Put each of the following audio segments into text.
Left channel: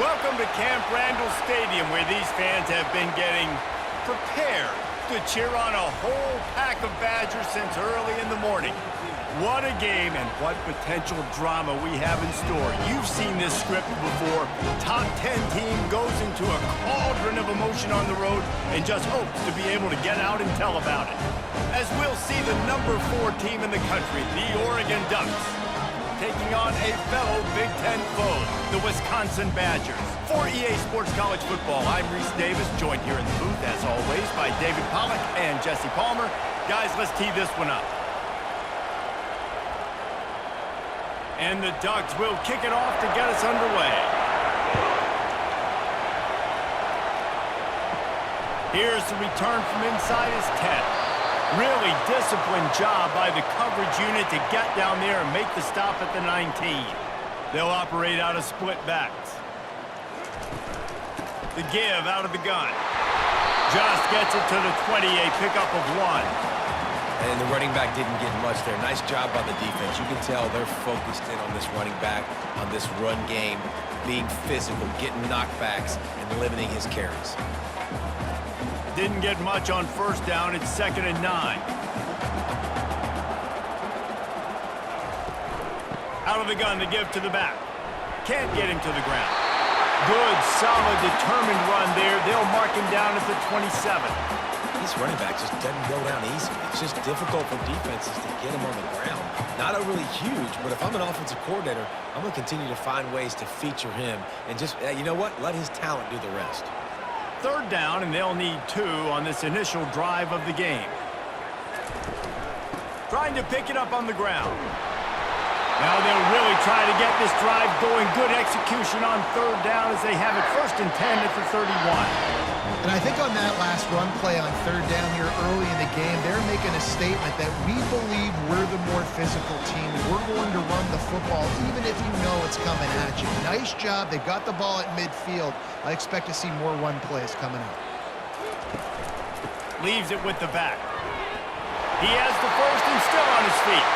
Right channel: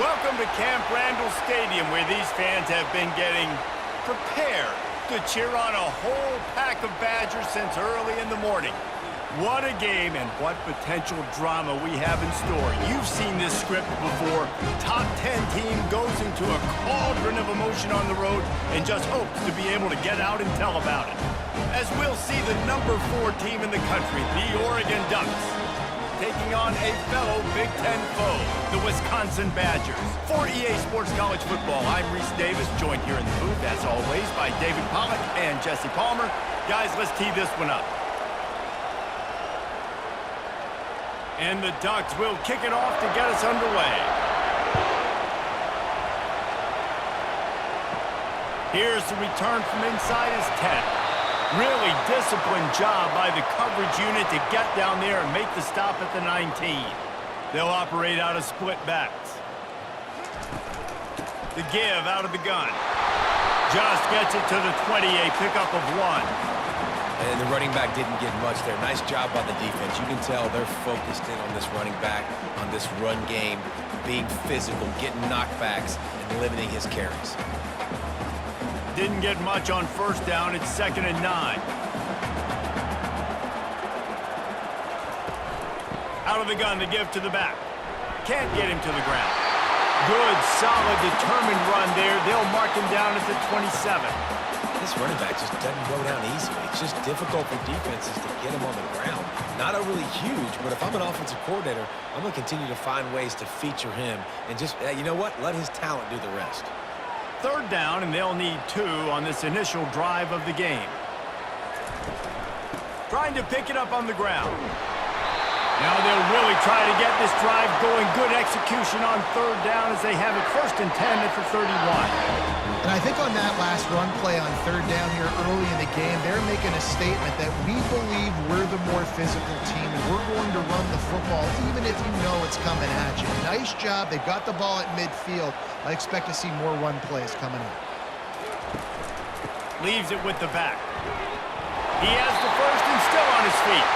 Welcome to Camp Randall Stadium, where these fans have been getting prepared to cheer on a whole pack of Badgers since early in the morning. What a game and what potential drama we have in store. You've seen this script before. Top 10 team goes into a cauldron of emotion on the road and just hopes to be able to get out and tell about it. As we'll see the number 4 team in the country, the Oregon Ducks, taking on a fellow Big Ten foe, the Wisconsin Badgers. For EA Sports College Football, I'm Reese Davis, joined here in the booth, as always, by David Pollack and Jesse Palmer. Guys, let's tee this one up. And the Ducks will kick it off to get us underway. Here's the return from inside his 10. Really disciplined job by the coverage unit to get down there and make the stop at the 19. They'll operate out of split backs. The give out of the gun. Just gets it to the 20, a pickup of 1. And the running back didn't get much there. Nice job by the defense. You can tell they're focused in on this running back, on this run game, being physical, getting knockbacks, and limiting his carries. Didn't get much on first down. It's 2nd and 9. Out of the gun, the give to the back. Can't get him to the ground. Good, solid, determined run there. They'll mark him down at the 27. This running back just doesn't go down easily. It's just difficult for defenses to get him on the ground. Not overly huge, but if I'm an offensive coordinator, I'm going to continue to find ways to feature him and just, you know what, let his talent do the rest. 3rd down, and they'll need 2 on this initial drive of the game. Trying to pick it up on the ground. Now they'll really try to get this drive going. Good execution on 3rd down as they have it 1st and 10 at the 31. And I think on that last run play on 3rd down here early in the game, they're making a statement that we believe we're the more physical team and we're going to run the football even if you know it's coming at you. Nice job. They've got the ball at midfield. I expect to see more run plays coming up. Leaves it with the back. He has the 1st and still on his feet.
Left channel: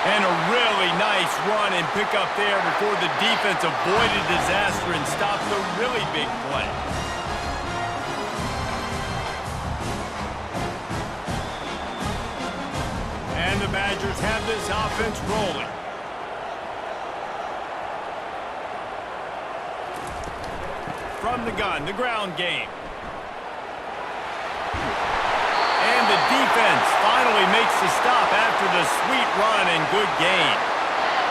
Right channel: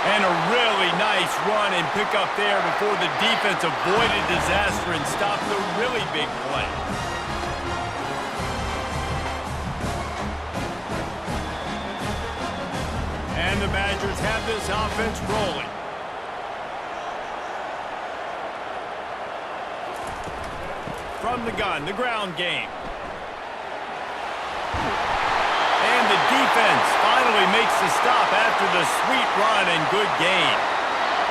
And a really nice run and pick up there before the defense avoided disaster and stopped the really big play. And the Badgers have this offense rolling. From the gun, the ground game. And the defense finally makes the stop after the sweet run and good gain.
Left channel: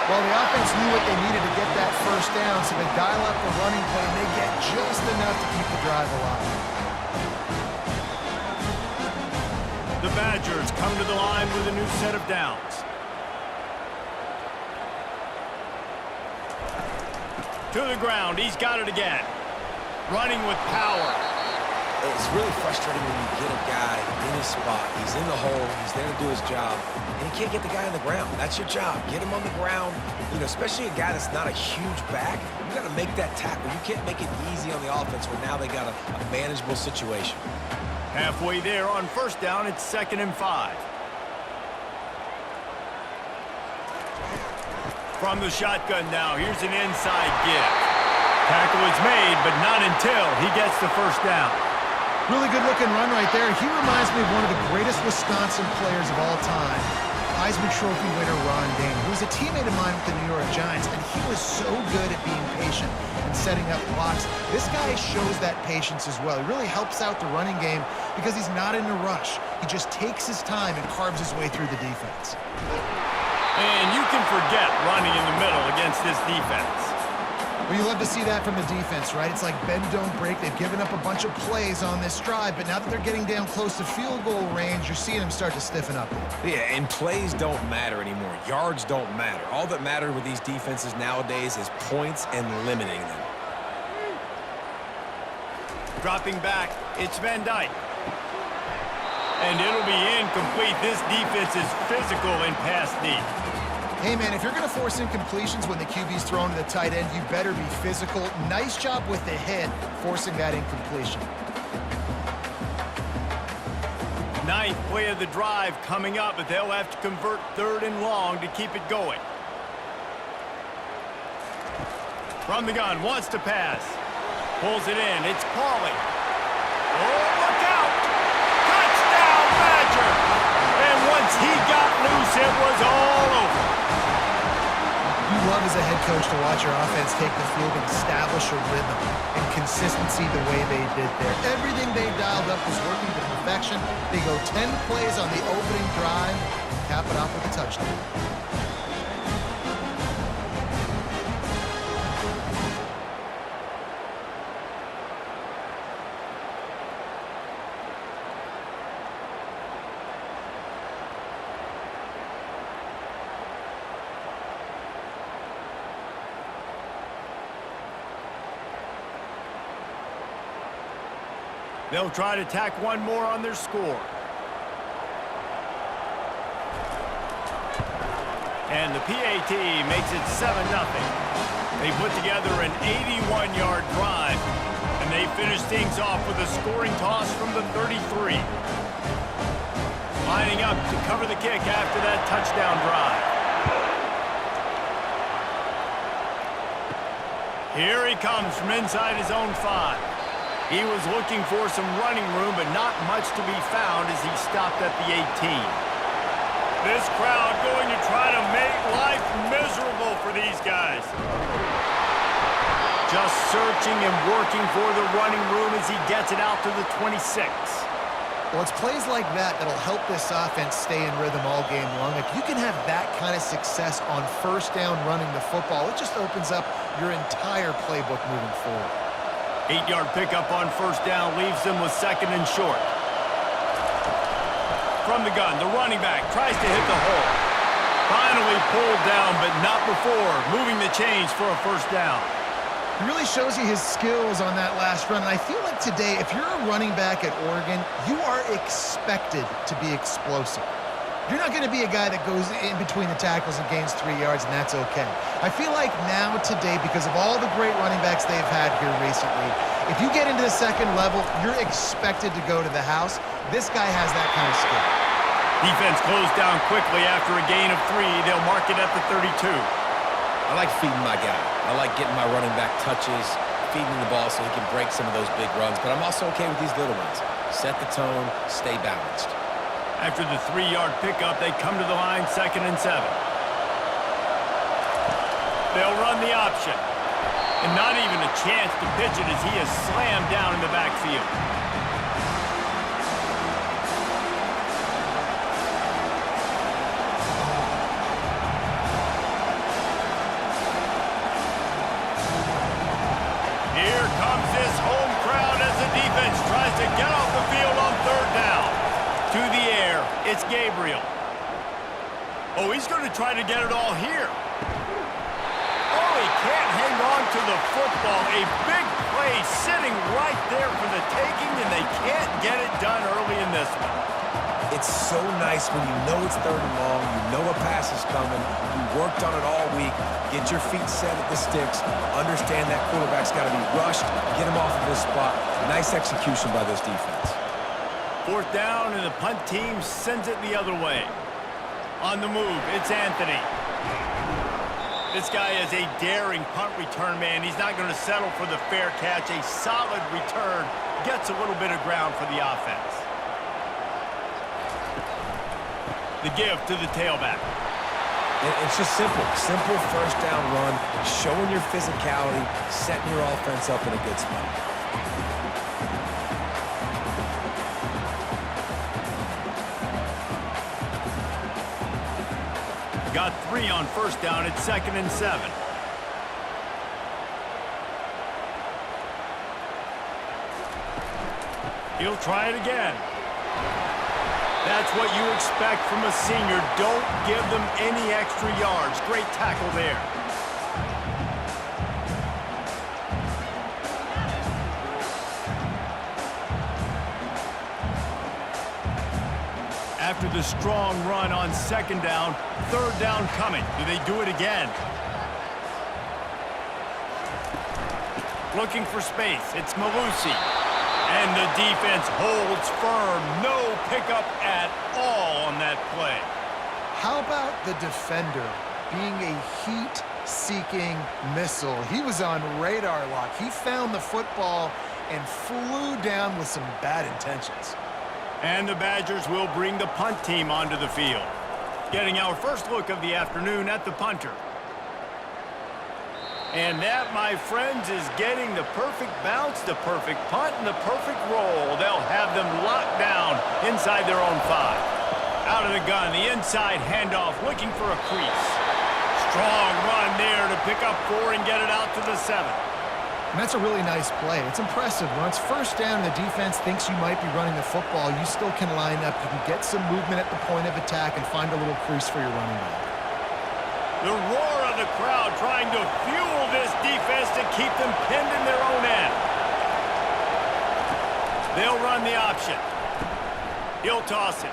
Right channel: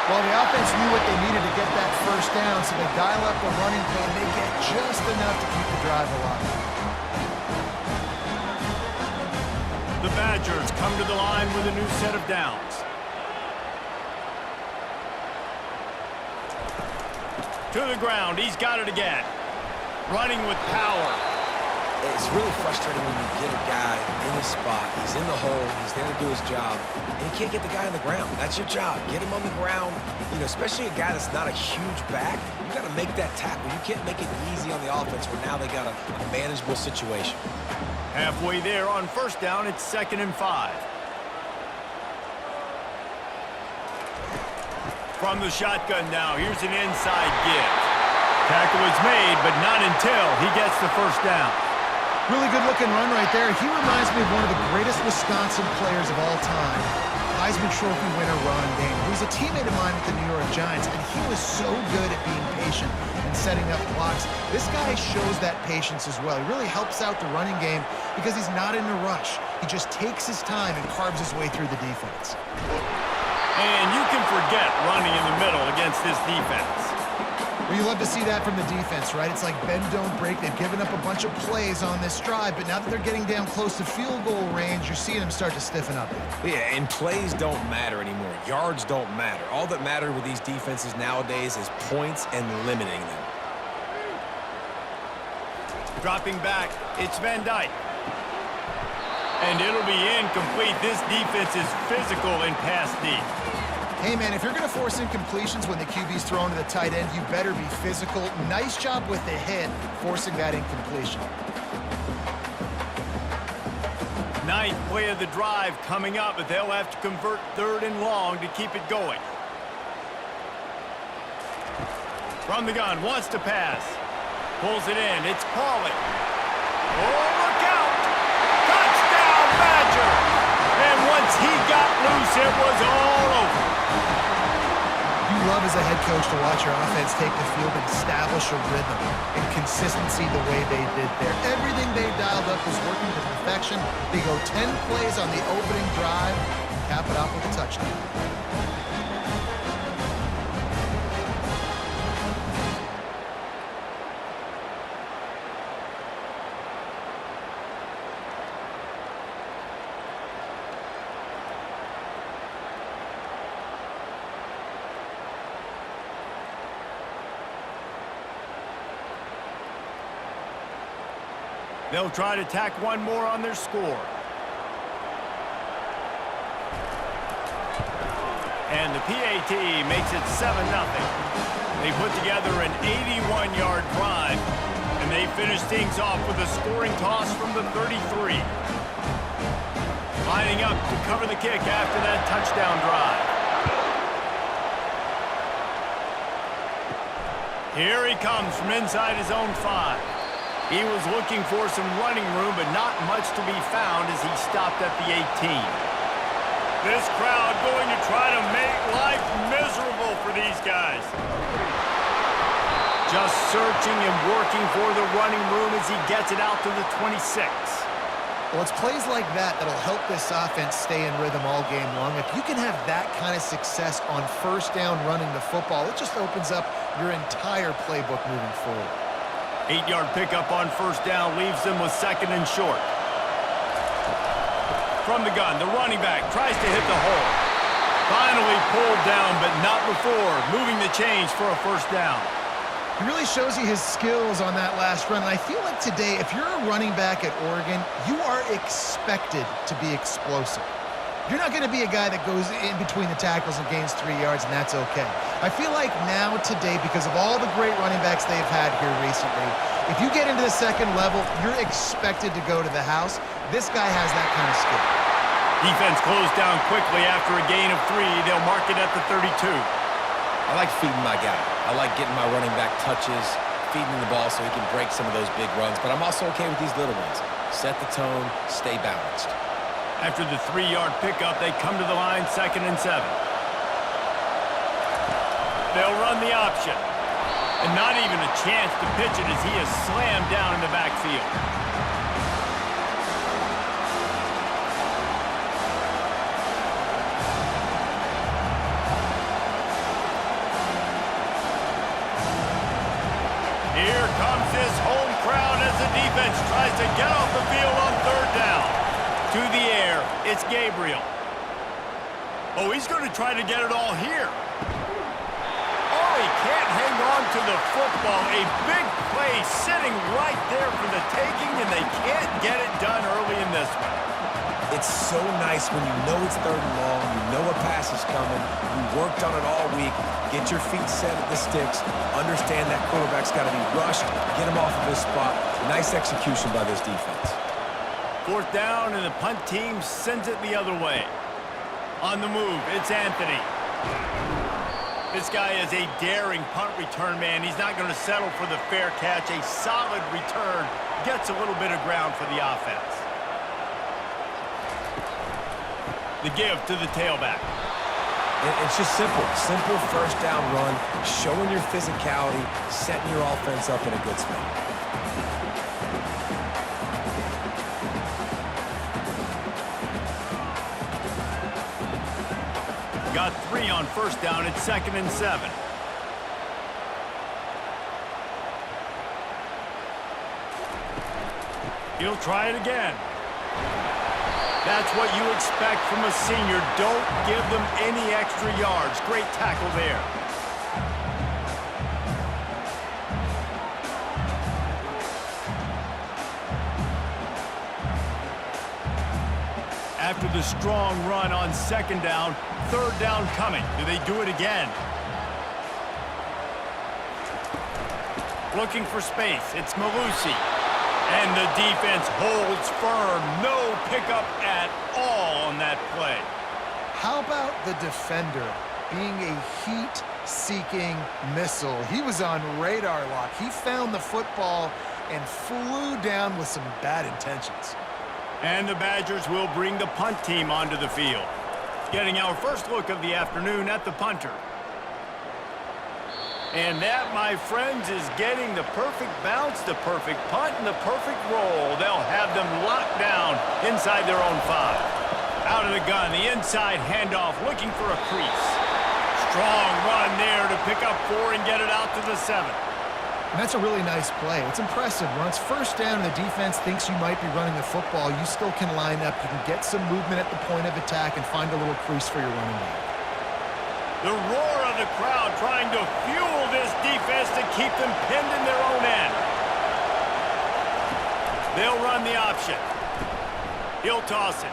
Well, the offense knew what they needed to get that 1st down, so they dial up the running play and they get just enough to keep the drive alive. The Badgers come to the line with a new set of downs. To the ground, he's got it again. Running with power. It's really frustrating when you get a guy in his spot. He's in the hole. He's there to do his job. And you can't get the guy on the ground. That's your job. Get him on the ground. You know, especially a guy that's not a huge back. You got to make that tackle. You can't make it easy on the offense where now they got a manageable situation. Halfway there on 1st down, it's 2nd and 5. From the shotgun now, here's an inside give. Tackle is made, but not until he gets the 1st down. Really good-looking run right there. He reminds me of one of the greatest Wisconsin players of all time. Heisman Trophy winner Ron Dayne, who was a teammate of mine with the New York Giants, and he was so good at being patient and setting up blocks. This guy shows that patience as well. He really helps out the running game because he's not in a rush. He just takes his time and carves his way through the defense. And you can forget running in the middle against this defense. Well, you love to see that from the defense, right? It's like bend, don't break. They've given up a bunch of plays on this drive, but now that they're getting down close to field goal range, you're seeing them start to stiffen up. Yeah, and plays don't matter anymore. Yards don't matter. All that matters with these defenses nowadays is points and limiting them. Dropping back, it's Van Dyke. And it'll be incomplete. This defense is physical and pass deep. Hey, man, if you're going to force incompletions when the QB's thrown to the tight end, you better be physical. Nice job with the hit, forcing that incompletion. 9th play of the drive coming up, but they'll have to convert 3rd and long to keep it going. From the gun, wants to pass. Pulls it in, it's Pauly. Oh, look out! Touchdown, Badger! And once he got loose, it was all over. You love as a head coach to watch your offense take the field and establish a rhythm and consistency the way they did there. Everything they dialed up was working to perfection. They go 10 plays on the opening drive and cap it off with a touchdown. They'll try to tack one more on their score. And the PAT makes it 7-0. They put together an 81-yard drive, and they finish things off with a scoring toss from the 33. Lining up to cover the kick after that touchdown drive. Here he comes from inside his own 5. He was looking for some running room, but not much to be found as he stopped at the 18. This crowd going to try to make life miserable for these guys. Just searching and working for the running room as he gets it out to the 26. Well, it's plays like that that'll help this offense stay in rhythm all game long. If you can have that kind of success on first down running the football, it just opens up your entire playbook moving forward. 8-yard pickup on first down leaves them with 2nd and short. From the gun, the running back tries to hit the hole. Finally pulled down, but not before moving the chains for a first down. He really shows you his skills on that last run. And I feel like today, if you're a running back at Oregon, you are expected to be explosive. You're not going to be a guy that goes in between the tackles and gains 3 yards, and that's okay. I feel like now today, because of all the great running backs they've had here recently, if you get into the second level, you're expected to go to the house. This guy has that kind of skill. Defense closed down quickly after a gain of 3. They'll mark it at the 32. I like feeding my guy. I like getting my running back touches, feeding the ball so he can break some of those big runs, but I'm also okay with these little ones. Set the tone, stay balanced. After the 3-yard pickup, they come to the line, 2nd and 7. They'll run the option. And not even a chance to pitch it as he is slammed down in the backfield. Here comes this home crowd as the defense tries to get off the field on 3rd down. To the air, it's Gabriel. Oh, he's going to try to get it all here. Oh, he can't hang on to the football. A big play sitting right there for the taking, and they can't get it done early in this one. It's so nice when you know it's 3rd and long, you know a pass is coming, you worked on it all week, get your feet set at the sticks, understand that quarterback's got to be rushed, get him off of his spot. Nice execution by this defense. 4th down, and the punt team sends it the other way. On the move, it's Anthony. This guy is a daring punt return man. He's not going to settle for the fair catch. A solid return gets a little bit of ground for the offense. The give to the tailback. It's just simple. Simple first down run, showing your physicality, setting your offense up in a good spot. Got 3 on first down. It's 2nd and 7. He'll try it again. That's what you expect from a senior. Don't give them any extra yards. Great tackle there. After the strong run on 2nd down, 3rd down coming. Do they do it again? Looking for space. It's Malusi. And the defense holds firm. No pickup at all on that play. How about the defender being a heat heat-seeking missile. He was on radar lock. He found the football and flew down with some bad intentions. And the Badgers will bring the punt team onto the field. Getting our first look of the afternoon at the punter. And that, my friends, is getting the perfect bounce, the perfect punt, and the perfect roll. They'll have them locked down inside their own 5. Out of the gun, the inside handoff, looking for a crease. Strong run there to pick up 4 and get it out to the 7. And that's a really nice play. It's impressive. When it's first down and the defense thinks you might be running the football, you still can line up. You can get some movement at the point of attack and find a little crease for your running back. The roar of the crowd trying to fuel this defense to keep them pinned in their own end. They'll run the option. He'll toss it.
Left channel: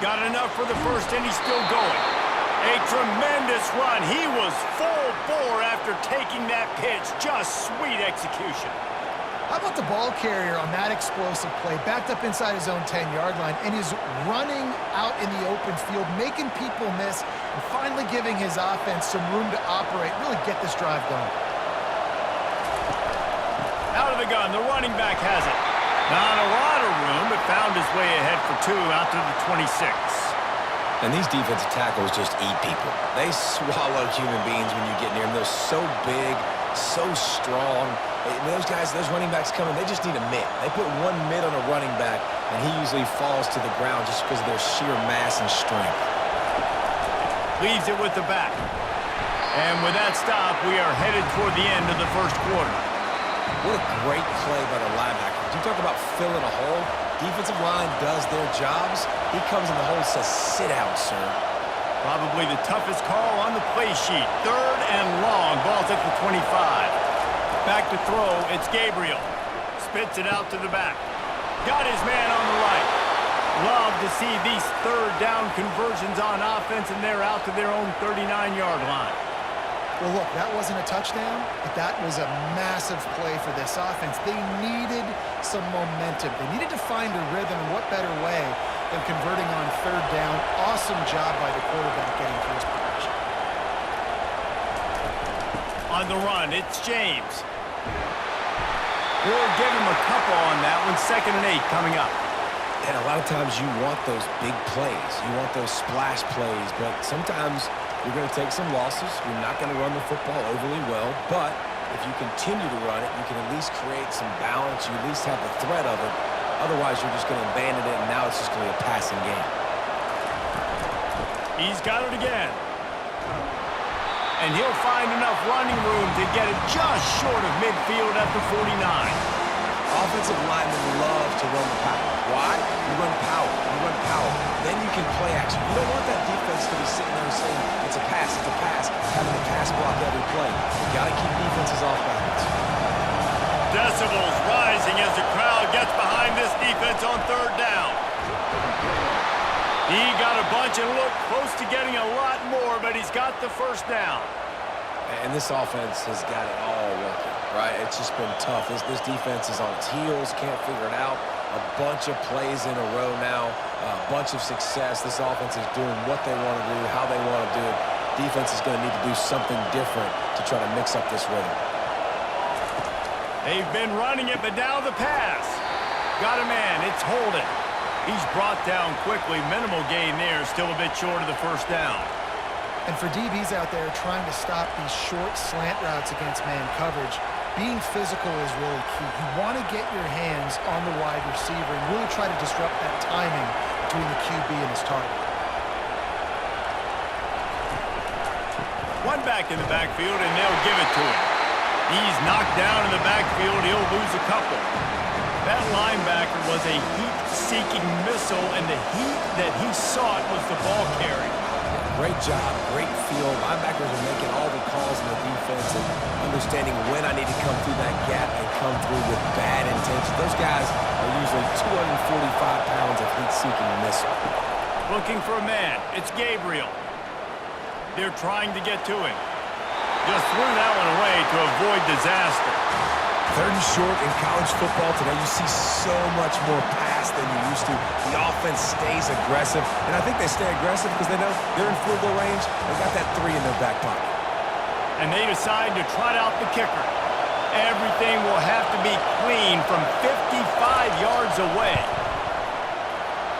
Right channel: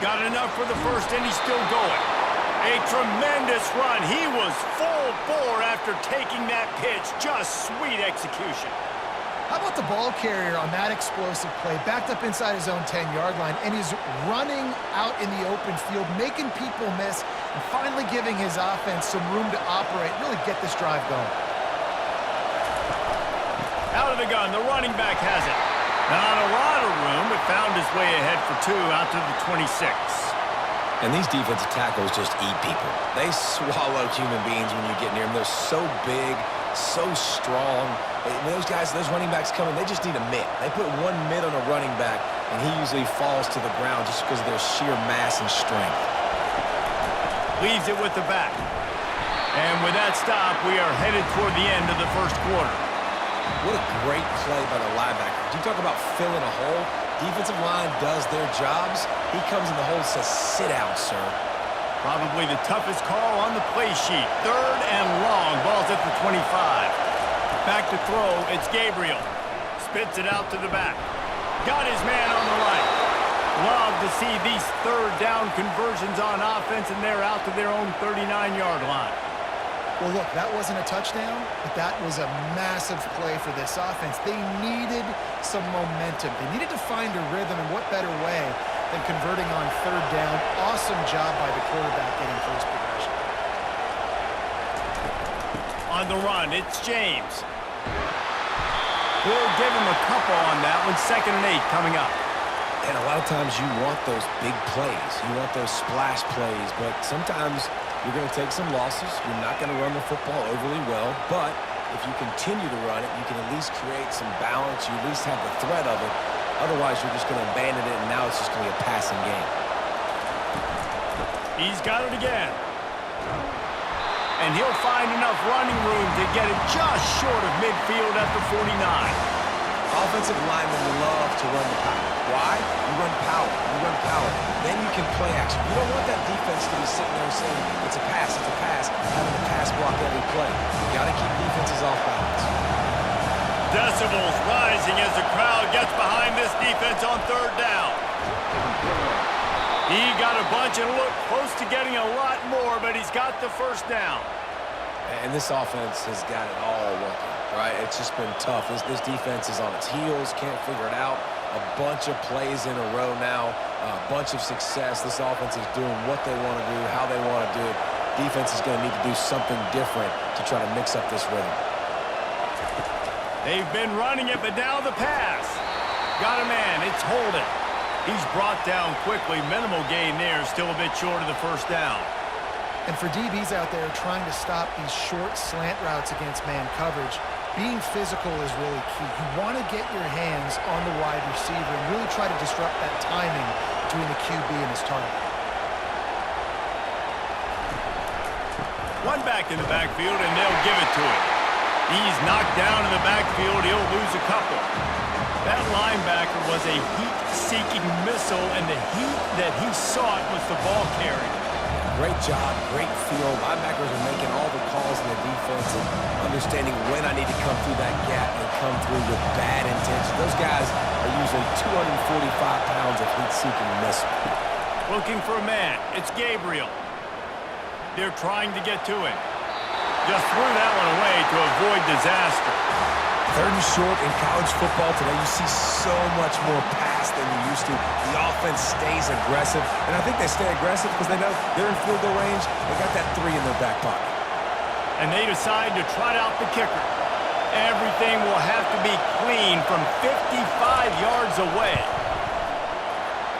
Got enough for the first, and he's still going. A tremendous run. He was full bore after taking that pitch. Just sweet execution. How about the ball carrier on that explosive play, backed up inside his own 10-yard line, and is running out in the open field, making people miss, and finally giving his offense some room to operate, really get this drive going. Out of the gun, the running back has it. Not a lot of room, but found his way ahead for 2 out to the 26. And these defensive tackles just eat people. They swallow human beings when you get near them. They're so big, so strong. When those guys, those running backs come in, they just need a mitt. They put 1 mitt on a running back, and he usually falls to the ground just because of their sheer mass and strength. Leaves it with the back. And with that stop, we are headed toward the end of the first quarter. What a great play by the linebacker. Do you talk about filling a hole? Defensive line does their jobs. He comes in the hole and says, sit down, sir. Probably the toughest call on the play sheet. 3rd and long. Ball's at the 25. Back to throw. It's Gabriel. Spits it out to the back. Got his man on the right. Love to see these 3rd down conversions on offense, and they're out to their own 39-yard line. Well, look, that wasn't a touchdown, but that was a massive play for this offense. They needed some momentum. They needed to find a rhythm, and what better way than converting on 3rd down. Awesome job by the quarterback getting through his progression. On the run, it's James. We'll give him a couple on that one. 2nd and 8 coming up. And a lot of times you want those big plays. You want those splash plays, but sometimes you're going to take some losses. You're not going to run the football overly well, but if you continue to run it, you can at least create some balance. You at least have the threat of it. Otherwise, you're just going to abandon it, and now it's just going to be a passing game. He's got it again. And he'll find enough running room to get it just short of midfield at the 49. Offensive linemen love to run the power. Why? You run power. You run power. Then you can play action. You don't want that defense to be sitting there saying, it's a pass, having to pass block every play. You got to keep defenses off balance. Decibels rising as the crowd gets behind this defense on 3rd down. He got a bunch and looked close to getting a lot more, but he's got the 1st down. And this offense has got it all working, right? It's just been tough. This defense is on its heels, can't figure it out. A bunch of plays in a row now, a bunch of success. This offense is doing what they want to do, how they want to do it. Defense is going to need to do something different to try to mix up this rhythm. They've been running it, but now the pass. Got a man. It's Holden. He's brought down quickly. Minimal gain there. Still a bit short of the 1st down. And for DBs out there trying to stop these short slant routes against man coverage, being physical is really key. You want to get your hands on the wide receiver and really try to disrupt that timing between the QB and his target. One back in the backfield, and they'll give it to him. He's knocked down in the backfield. He'll lose a couple. That linebacker was a heat-seeking missile, and the heat that he sought was the ball carrier. Great job, great feel. Linebackers are making all the calls in the defense and understanding when I need to come through that gap and come through with bad intention. Those guys are usually 245 pounds of heat-seeking missile. Looking for a man. It's Gabriel. They're trying to get to him. Just threw that one away to avoid disaster. 3rd and short in college football today, you see so much more pass than you used to. The offense stays aggressive, and I think they stay aggressive because they know they're in field goal range. They got that 3 in their back pocket. and they decide to trot out the kicker. Everything will have to be clean from 55 yards away.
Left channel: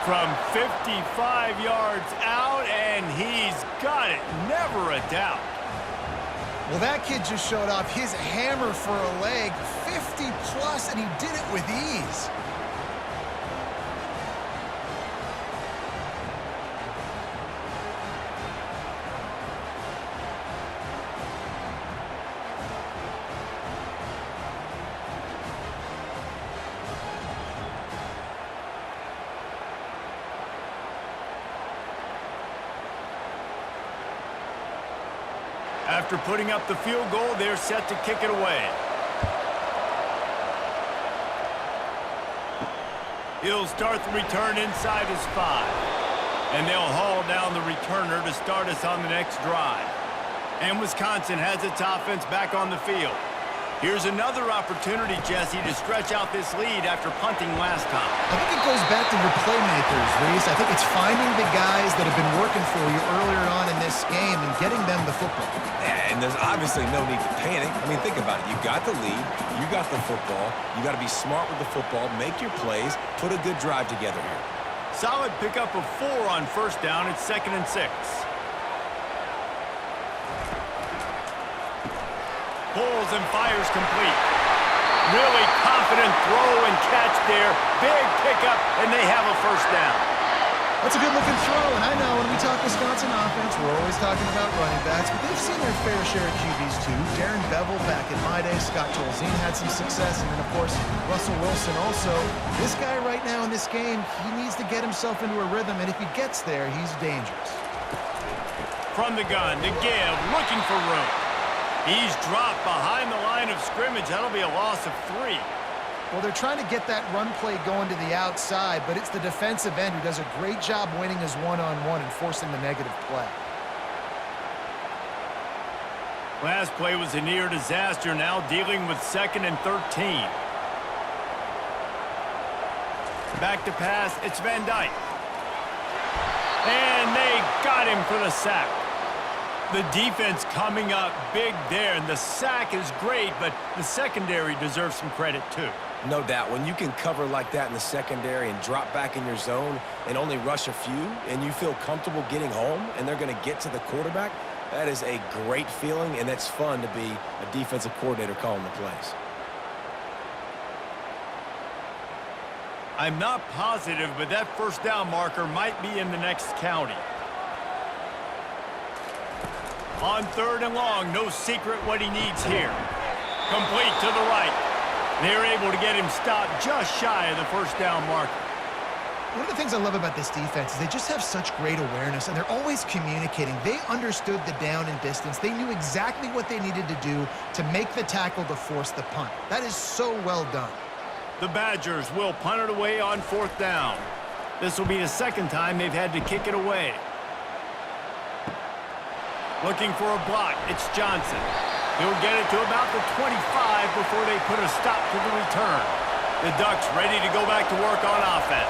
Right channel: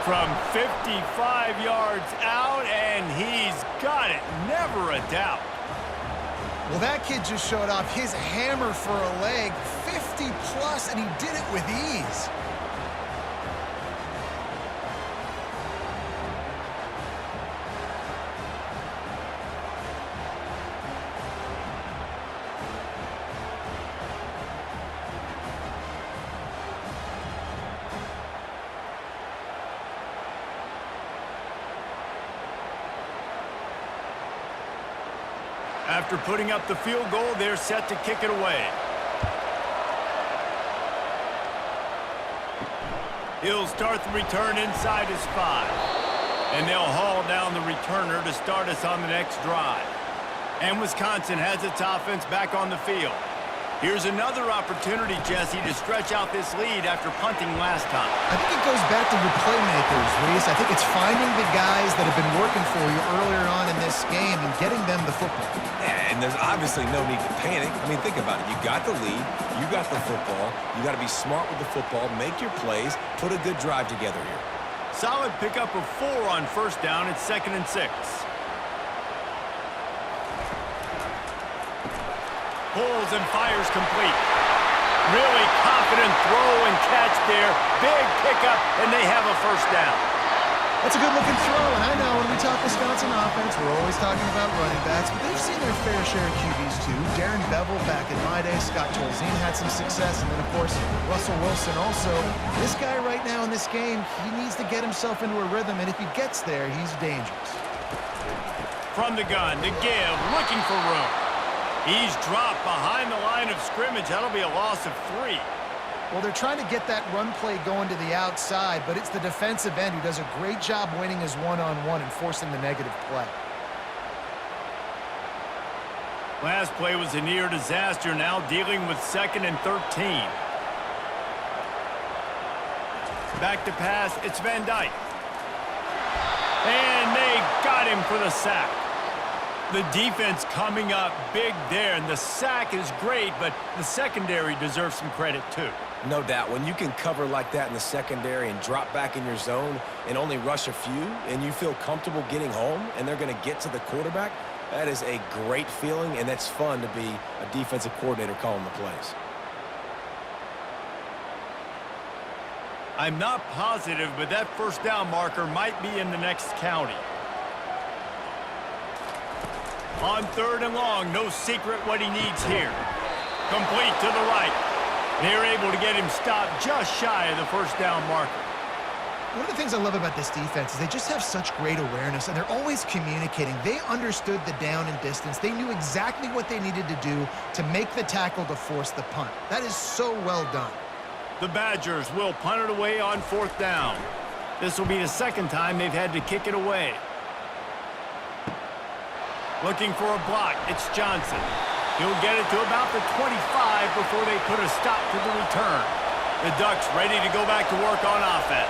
From 55 yards out, and he's got it. Never a doubt. Well, that kid just showed off his hammer for a leg, 50-plus, and he did it with ease. After putting up the field goal, they're set to kick it away. He'll start the return inside his 5. And they'll haul down the returner to start us on the next drive. And Wisconsin has its offense back on the field. Here's another opportunity, Jesse, to stretch out this lead after punting last time. I think it goes back to your playmakers, Reese. I think it's finding the guys that have been working for you earlier on in this game and getting them the football. Yeah, and there's obviously no need to panic. I mean, think about it. You got the lead. You got the football. You got to be smart with the football, make your plays, put a good drive together here. Solid pickup of 4 on first down. It's 2nd and 6. Pulls and fires complete. Really confident throw and catch there. Big pickup, and they have a first down. That's a good-looking throw, and I know when we talk Wisconsin offense, we're always talking about running backs, but they've seen their fair share of QBs too. Darren Bevel back in my day, Scott Tolzien had some success, and then, of course, Russell Wilson also. This guy right now in this game, he needs to get himself into a rhythm, and if he gets there, he's dangerous. From the gun, to give, looking for room. He's dropped behind the line of scrimmage. That'll be a loss of 3. Well, they're trying to get that run play going to the outside, but it's the defensive end who does a great job winning his one-on-one and forcing the negative play. Last play was a near disaster, now dealing with 2nd and 13. Back to pass, it's Van Dyke. And they got him for the sack. The defense coming up big there, and the sack is great, but the secondary deserves some credit too. No doubt. When you can cover like that in the secondary and drop back in your zone and only rush a few, and you feel comfortable getting home, and they're going to get to the quarterback, that is a great feeling, and that's fun to be a defensive coordinator calling the plays. I'm not positive, but that first down marker might be in the next county. On 3rd and long, no secret what he needs here. Complete to the right. They're able to get him stopped just shy of the first down marker. One of the things I love about this defense is they just have such great awareness, and they're always communicating. They understood the down and distance. They knew exactly what they needed to do to make the tackle to force the punt. That is so well done. The Badgers will punt it away on 4th down. This will be the 2nd time they've had to kick it away. Looking for a block, it's Johnson. He'll get it to about the 25 before they put a stop to the return. The Ducks ready to go back to work on offense.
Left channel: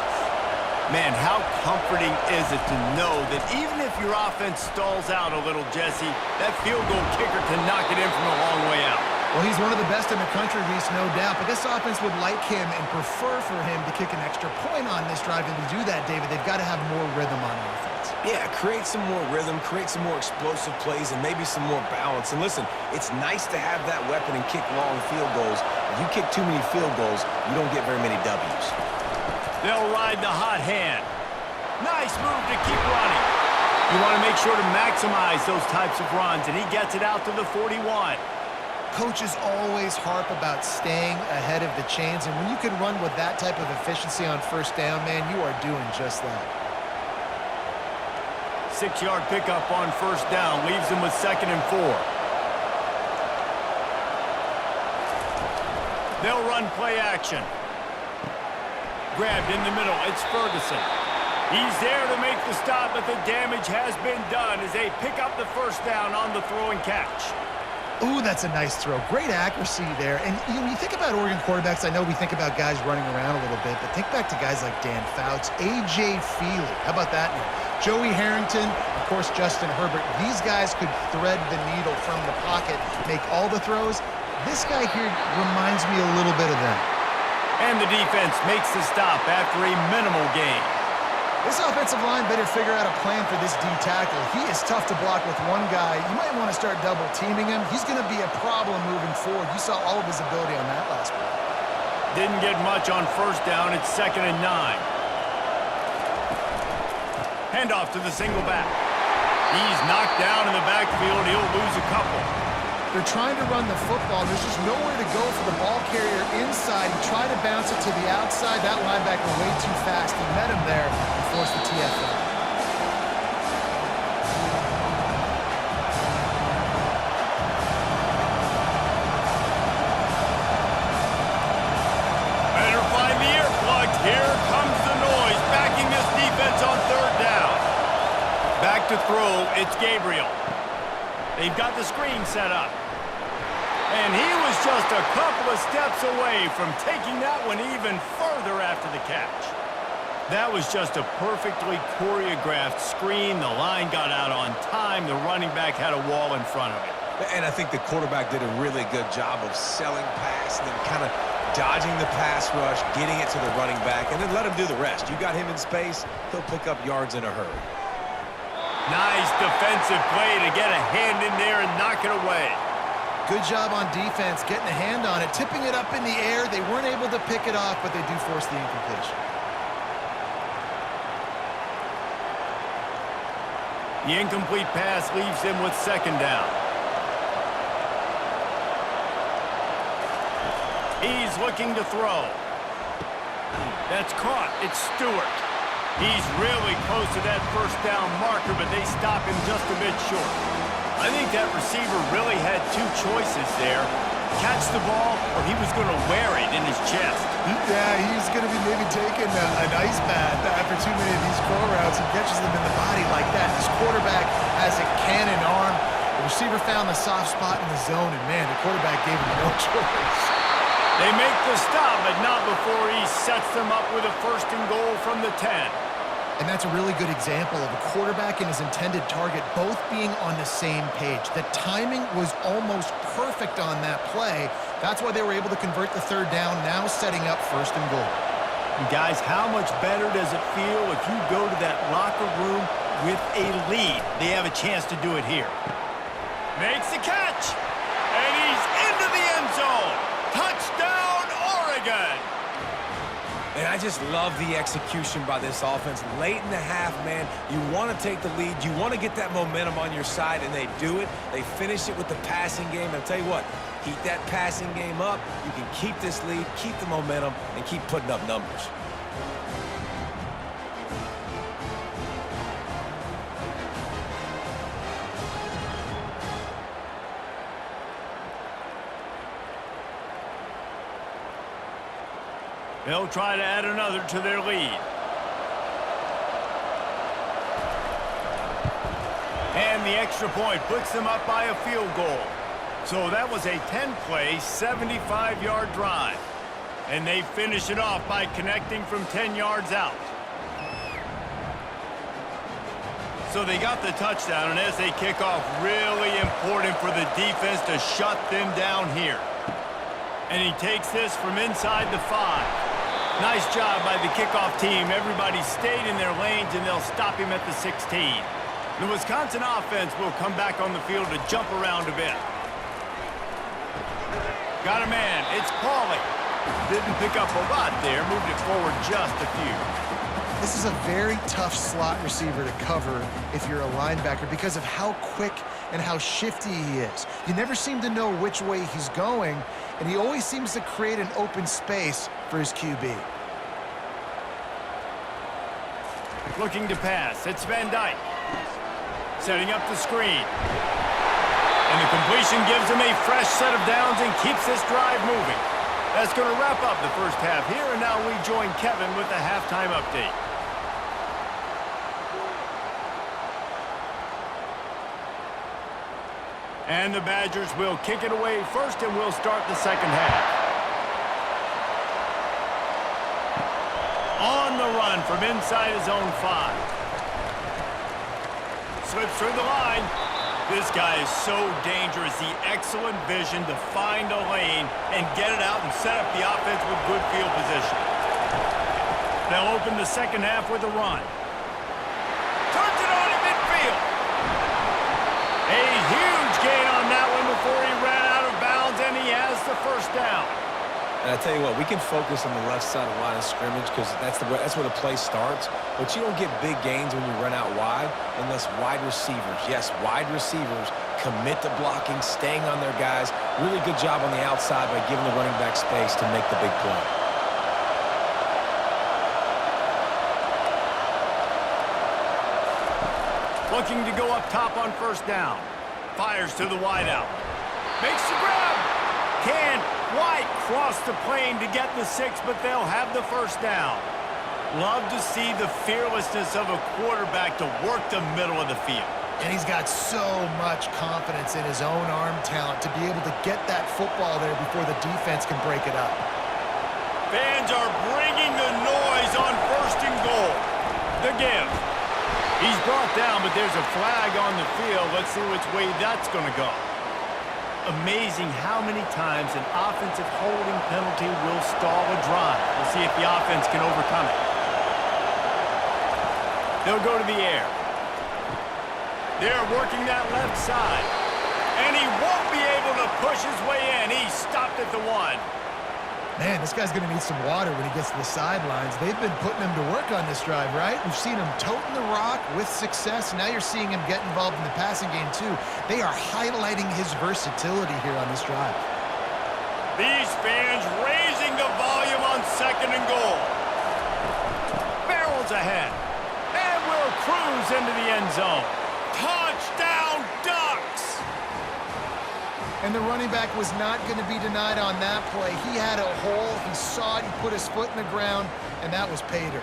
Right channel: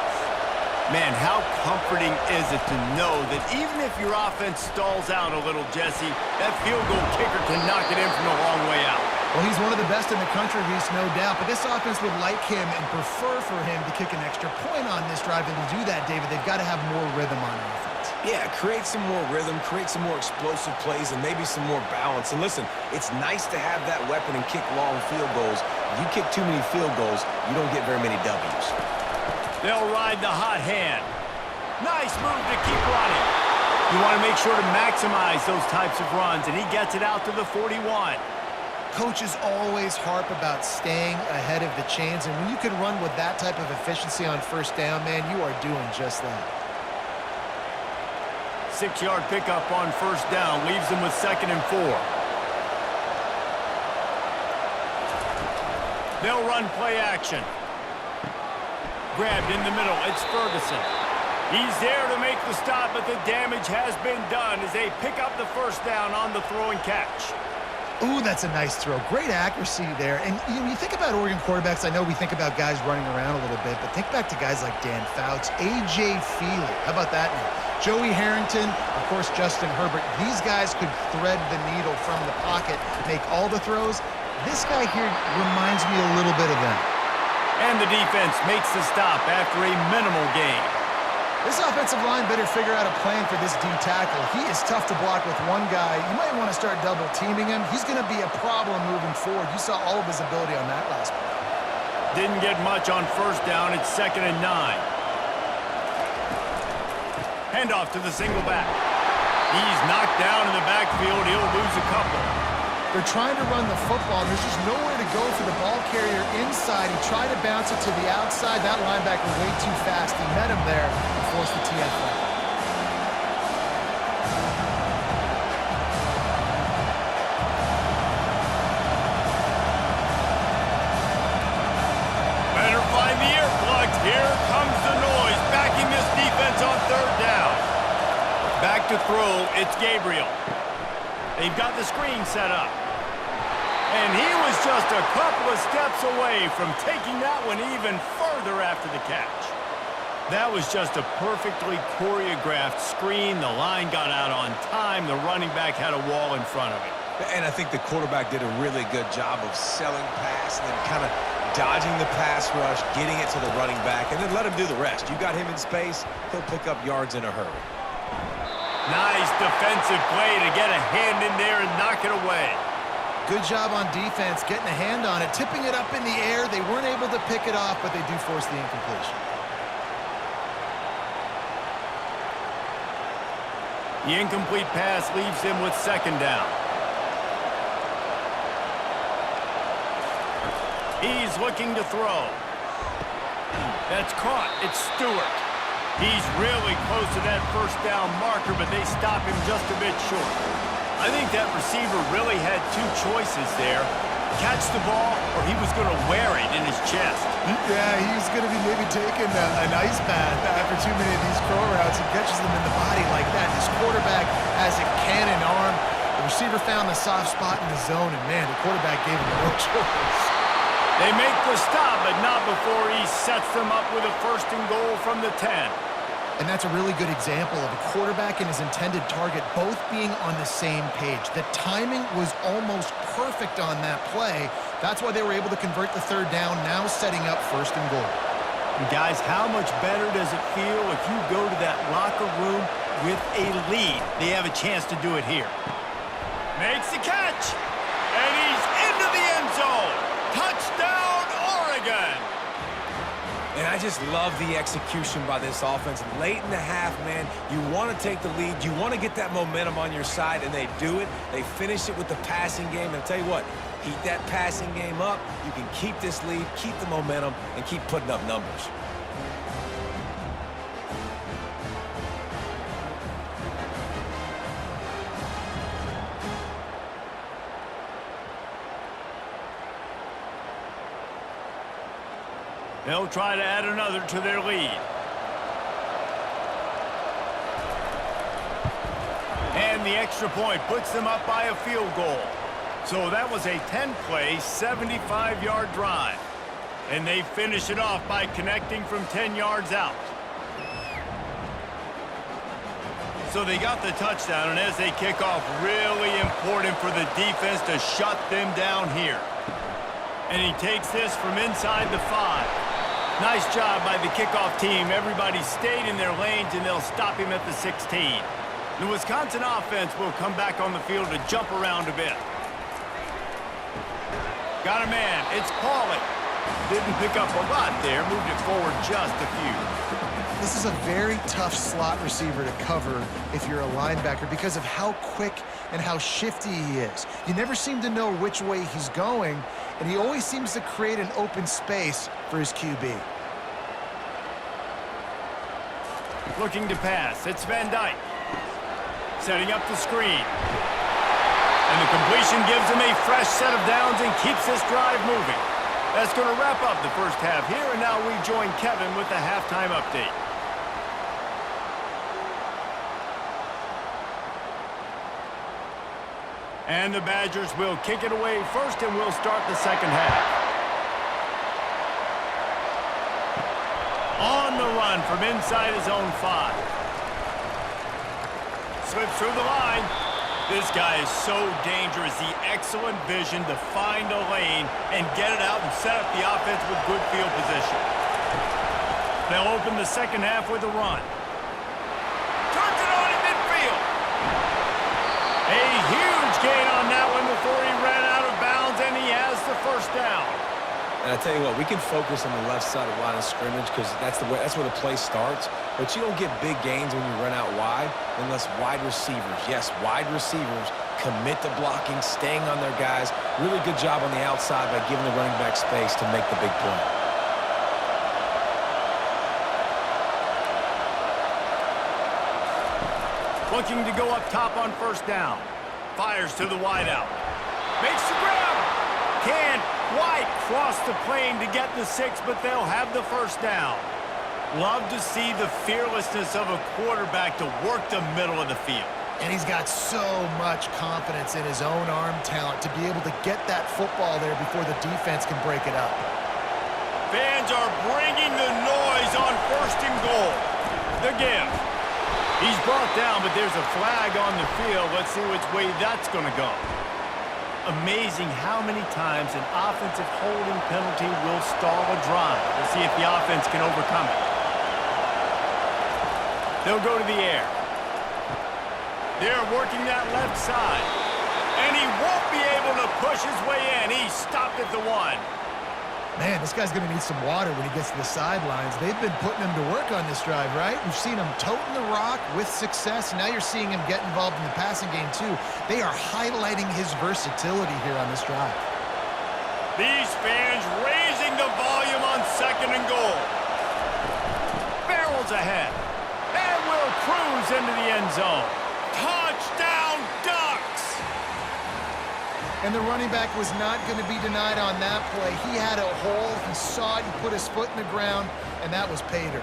Man, how comforting is it to know that even if your offense stalls out a little, Jesse, that field goal kicker can knock it in from a long way out. Well, he's one of the best in the country, Reese, no doubt. But this offense would like him and prefer for him to kick an extra point on this drive. And to do that, David, they've got to have more rhythm on offense. Yeah, create some more rhythm, create some more explosive plays, and maybe some more balance. And listen, it's nice to have that weapon and kick long field goals. If you kick too many field goals, you don't get very many W's. They'll ride the hot hand. Nice move to keep running. You want to make sure to maximize those types of runs, and he gets it out to the 41. Coaches always harp about staying ahead of the chains, and when you can run with that type of efficiency on first down, man, you are doing just that. 6-yard pickup on first down leaves them with 2nd and 4. They'll run play action. Grabbed in the middle, it's Ferguson. He's there to make the stop, but the damage has been done as they pick up the first down on the throw and catch. Ooh, that's a nice throw. Great accuracy there. And you think about Oregon quarterbacks, I know we think about guys running around a little bit, but think back to guys like Dan Fouts, A.J. Feely. How about that name? Joey Harrington, of course, Justin Herbert. These guys could thread the needle from the pocket, make all the throws. This guy here reminds me a little bit of them. And the defense makes the stop after a minimal gain. This offensive line better figure out a plan for this D tackle. He is tough to block with one guy. You might want to start double teaming him. He's going to be a problem moving forward. You saw all of his ability on that last play. Didn't get much on first down. It's 2nd and 9. Handoff to the single back. He's knocked down in the backfield. He'll lose a couple. They're trying to run the football, and there's just nowhere to go for the ball carrier inside. He tried to bounce it to the outside. That linebacker way too fast. He met him there and forced the TFL. Better find the earplugs. Here comes the noise, backing this defense on 3rd down. Back to throw, it's Gabriel. They've got the screen set up. And he was just a couple of steps away from taking that one even further after the catch. That was just a perfectly choreographed screen. The line got out on time. The running back had a wall in front of it. And I think the quarterback did a really good job of selling pass and then kind of dodging the pass rush, getting it to the running back, and then let him do the rest. You got him in space, he'll pick up yards in a hurry. Nice defensive play to get a hand in there and knock it away. Good job on defense, getting a hand on it, tipping it up in the air. They weren't able to pick it off, but they do force the incompletion. The incomplete pass leaves him with 2nd down. He's looking to throw. That's caught. It's Stewart. He's really close to that 1st down marker, but they stop him just a bit short. I think that receiver really had 2 choices there. Catch the ball, or he was going to wear it in his chest. Yeah, he was going to be maybe taking an ice bath after too many of these crow routes. He catches them in the body like that. This quarterback has a cannon arm. The receiver found the soft spot in the zone, and man, the quarterback gave him no choice. They make the stop, but not before he sets them up with a 1st and goal from the 10. And that's a really good example of a quarterback and his intended target both being on the same page. The timing was almost perfect on that play. That's why they were able to convert the 3rd down, now setting up 1st and goal. And guys, how much better does it feel if you go to that locker room with a lead? They have a chance to do it here. Makes the catch, and he's into the end zone. Touchdown, Oregon! And I just love the execution by this offense. Late in the half, man, you want to take the lead. You want to get that momentum on your side, and they do it. They finish it with the passing game. And I'll tell you what, keep that passing game up. You can keep this lead, keep the momentum, and keep putting up numbers. They'll try to add another to their lead. And the extra point puts them up by a field goal. So that was a 10-play, 75-yard drive. And they finish it off by connecting from 10 yards out. So they got the touchdown, and as they kick off, really important for the defense to shut them down here. And he takes this from inside the 5. Nice job by the kickoff team. Everybody stayed in their lanes, and they'll stop him at the 16. The Wisconsin offense will come back on the field to jump around a bit. Got a man. It's Pauly. Didn't pick up a lot there. Moved it forward just a few. This is a very tough slot receiver to cover if you're a linebacker because of how quick and how shifty he is. You never seem to know which way he's going, and he always seems to create an open space for his QB. Looking to pass. It's Van Dyke. Setting up the screen. And the completion gives him a fresh set of downs and keeps this drive moving. That's going to wrap up the first half here, and now we join Kevin with the halftime update. And the Badgers will kick it away first, and we'll start the second half. On the run from inside his own 5. Slips through the line. This guy is so dangerous. The excellent vision to find a lane and get it out and set up the offense with good field position. They'll open the second half with a run. Turns it on in midfield. A huge gain on that one before he ran out of bounds, and he has the first down. And I tell you what, we can focus on the left side of the line of scrimmage because that's where the play starts. But you don't get big gains when you run out wide unless wide receivers, yes, wide receivers, commit to blocking, staying on their guys. Really good job on the outside by giving the running back space to make the big play. Looking to go up top on first down. Fires to the wideout. Makes the grab. Can't quite cross the plane to get the 6, but they'll have the first down. Love to see the fearlessness of a quarterback to work the middle of the field. And he's got so much confidence in his own arm talent to be able to get that football there before the defense can break it up. Fans are bringing the noise on first and goal. The give. He's brought down, but there's a flag on the field. Let's see which way that's going to go. Amazing how many times an offensive holding penalty will stall a drive. We'll see if the offense can overcome it. They'll go to the air. They're working that left side. And he won't be able to push his way in. He stopped at the 1. Man, this guy's going to need some water when he gets to the sidelines. They've been putting him to work on this drive, right? We've seen him toting the rock with success. Now you're seeing him get involved in the passing game, too. They are highlighting his versatility here on this drive. These fans raising the volume on second and goal. Barrels ahead. And will cruise into the end zone. Touchdown, Ducks! And the running back was not going to be denied on that play. He had a hole. He saw it. He put his foot in the ground, and that was pay dirt.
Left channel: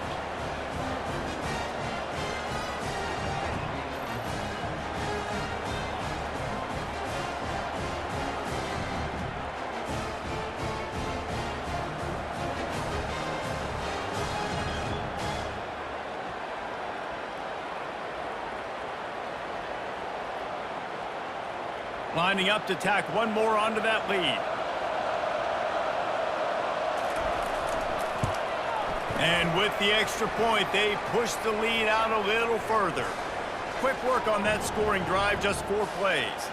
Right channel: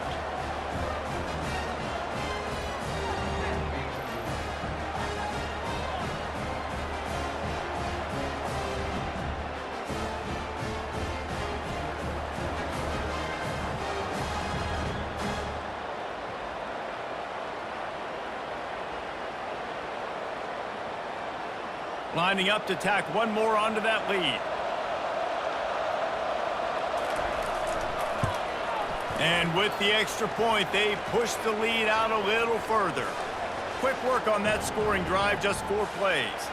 Lining up to tack one more onto that lead. And with the extra point, they push the lead out a little further. Quick work on that scoring drive, just 4 plays.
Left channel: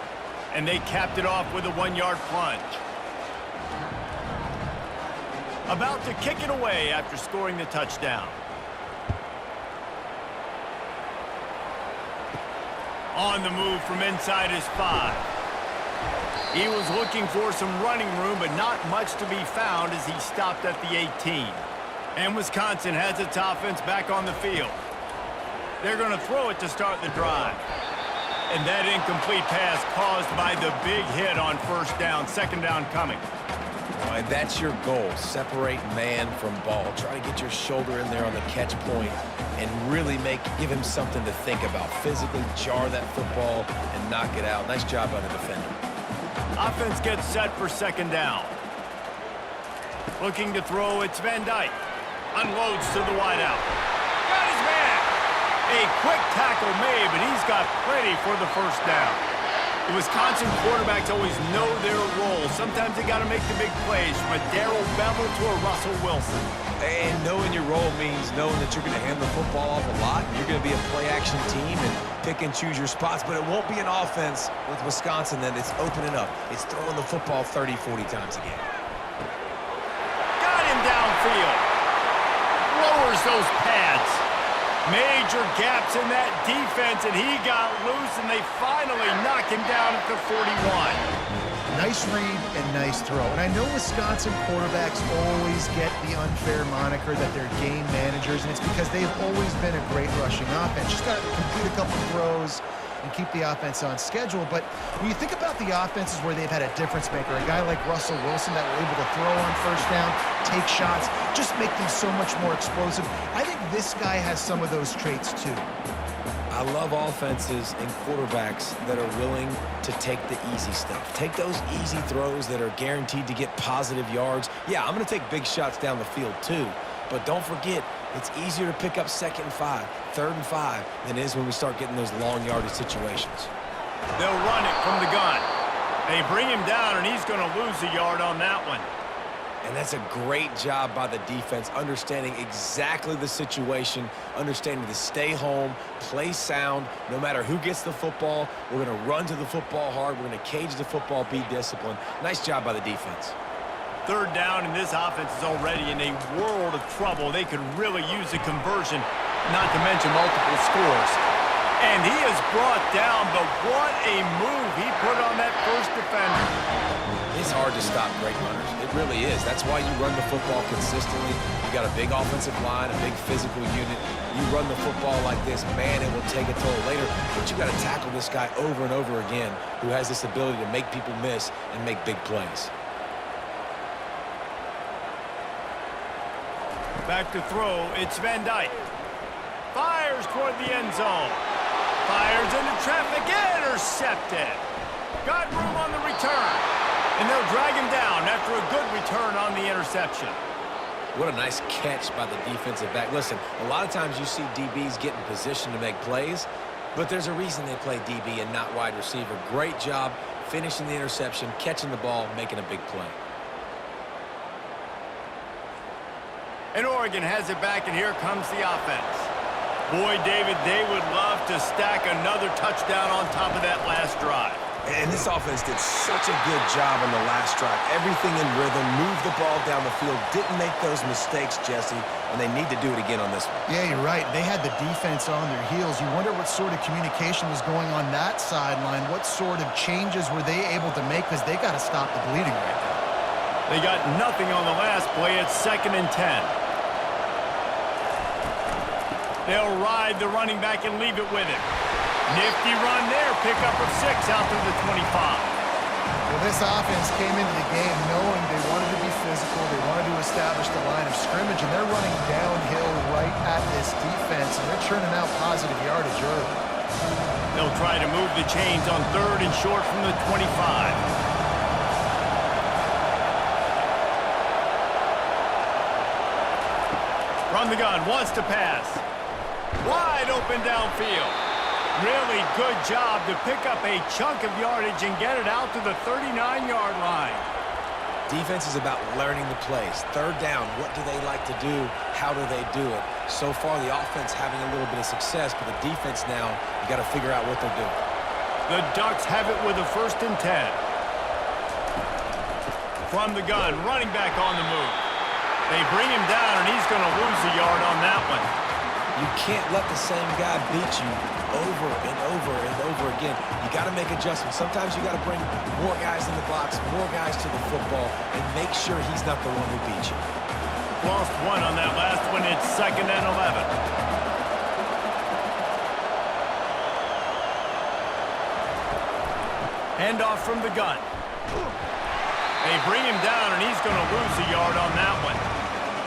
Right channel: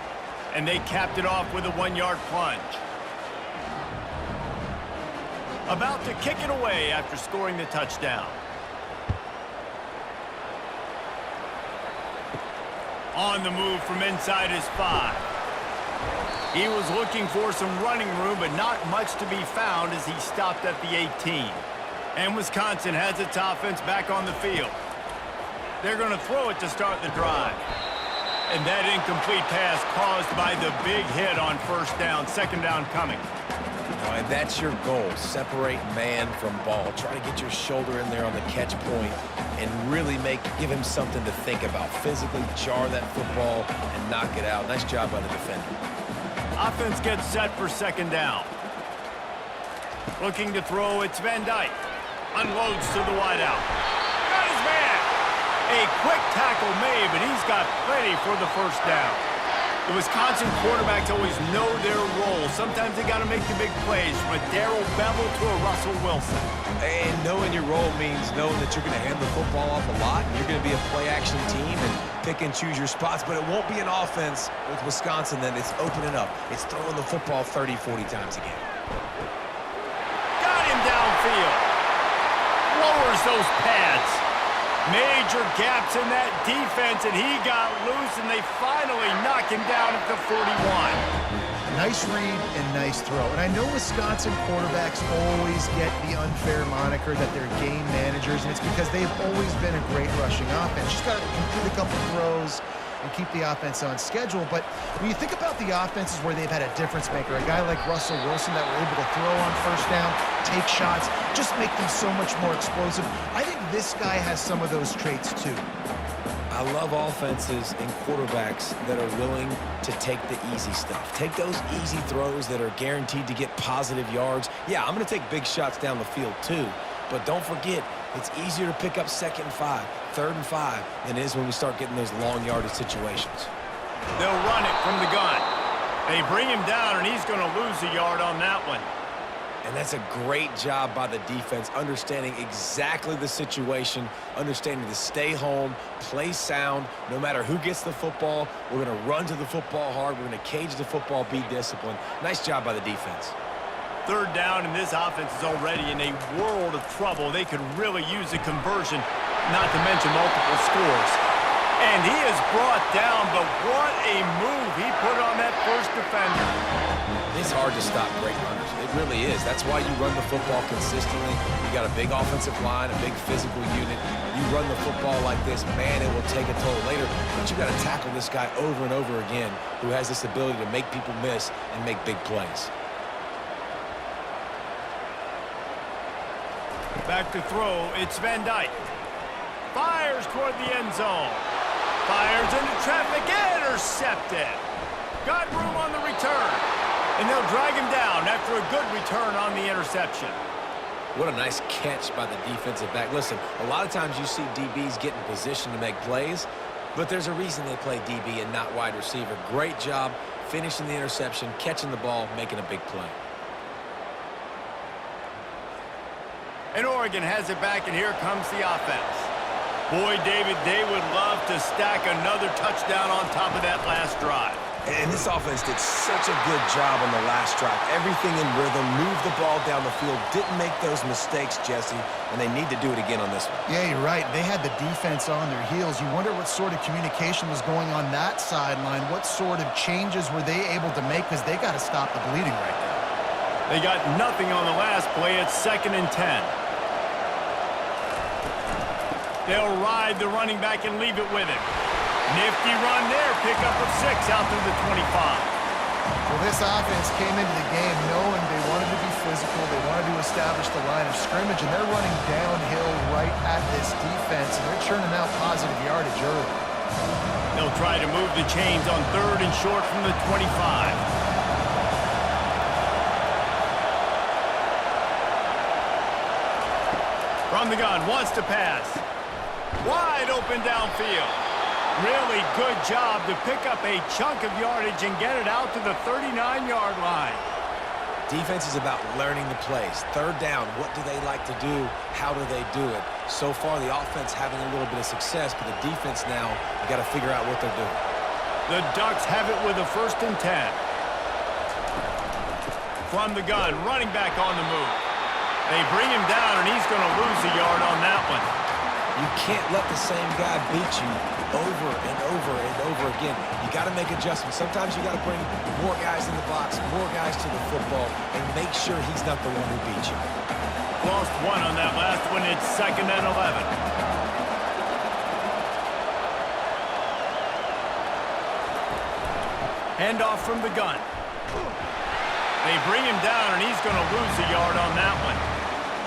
And they capped it off with a 1-yard plunge. About to kick it away after scoring the touchdown. On the move from inside his 5. He was looking for some running room, but not much to be found as he stopped at the 18. And Wisconsin has its offense back on the field. They're going to throw it to start the drive. And that incomplete pass caused by the big hit on first down, second down coming. And that's your goal. Separate man from ball. Try to get your shoulder in there on the catch point and really give him something to think about. Physically jar that football and knock it out. Nice job by the defender. Offense gets set for second down. Looking to throw, it's Van Dyke. Unloads to the wideout. Got his man. A quick tackle made, but he's got plenty for the first down. The Wisconsin quarterbacks always know their role. Sometimes they got to make the big plays, from a Darrell Bevel to a Russell Wilson. And knowing your role means knowing that you're going to hand the football off a lot, and you're going to be a play-action team and pick and choose your spots, but it won't be an offense with Wisconsin that it's opening up. It's throwing the football 30, 40 times a game. Got him downfield. Lowers those pads. Major gaps in that defense, and he got loose, and they finally knock him down at the 41. Nice read and nice throw. And I know Wisconsin quarterbacks always get the unfair moniker that they're game managers, and it's because they've always been a great rushing offense. Just got to complete a couple throws and keep the offense on schedule. But when you think about the offenses where they've had a difference maker, a guy like Russell Wilson that were able to throw on first down, take shots, just make them so much more explosive, I think this guy has some of those traits too. I love offenses and quarterbacks that are willing to take the easy stuff. Take those easy throws that are guaranteed to get positive yards. Yeah, I'm going to take big shots down the field too, but don't forget, it's easier to pick up 2nd and 5, 3rd and 5 than it is when we start getting those long yardage situations. They'll run it from the gun. They bring him down, and he's going to lose a yard on that one. And that's a great job by the defense, understanding exactly the situation, understanding to stay home, play sound. No matter who gets the football, we're going to run to the football hard. We're going to cage the football, be disciplined. Nice job by the defense. 3rd down, and this offense is already in a world of trouble. They could really use a conversion, not to mention multiple scores. And he is brought down, but what a move he put on that first defender. It's hard to stop great runners. It really is. That's why you run the football consistently. You got a big offensive line, a big physical unit. You run the football like this, man, it will take a toll later. But you got to tackle this guy over and over again who has this ability to make people miss and make big plays. Back to throw, it's Van Dyke. Fires toward the end zone. Fires into traffic, intercepted. Got room on the return. And they'll drag him down after a good return on the interception. What a nice catch by the defensive back. Listen, a lot of times you see DBs get in position to make plays, but there's a reason they play DB and not wide receiver. Great job finishing the interception, catching the ball, making a big play. And Oregon has it back, and here comes the offense. Boy, David, they would love to stack another touchdown on top of that last drive. And this offense did such a good job on the last drive. Everything in rhythm, moved the ball down the field, didn't make those mistakes, Jesse, and they need to do it again on this one. Yeah, you're right. They had the defense on their heels. You wonder what sort of communication was going on that sideline. What sort of changes were they able to make, because they got to stop the bleeding right now. They got nothing on the last play. It's 2nd and 10. They'll ride the running back and leave it with him. Nifty run there, pickup of 6 out to the 25. Well, this offense came into the game knowing they wanted to be physical, they wanted to establish the line of scrimmage, and they're running downhill right at this defense, and they're churning out positive yardage early. They'll try to move the chains on 3rd and short from the 25. From the gun, wants to pass. Wide open downfield. Really good job to pick up a chunk of yardage and get it out to the 39-yard line. Defense is about learning the plays. 3rd down, what do they like to do? How do they do it? So far, the offense having a little bit of success, but the defense now, you got to figure out what they're doing. The Ducks have it with a 1st and 10. From the gun, running back on the move. They bring him down, and he's going to lose a yard on that one. You can't let the same guy beat you over and over and over again. You got to make adjustments. Sometimes you got to bring more guys in the box, more guys to the football, and make sure he's not the one who beat you. Lost 1 on that last one. It's 2nd and 11. Handoff from the gun. They bring him down, and he's going to lose a yard on that one.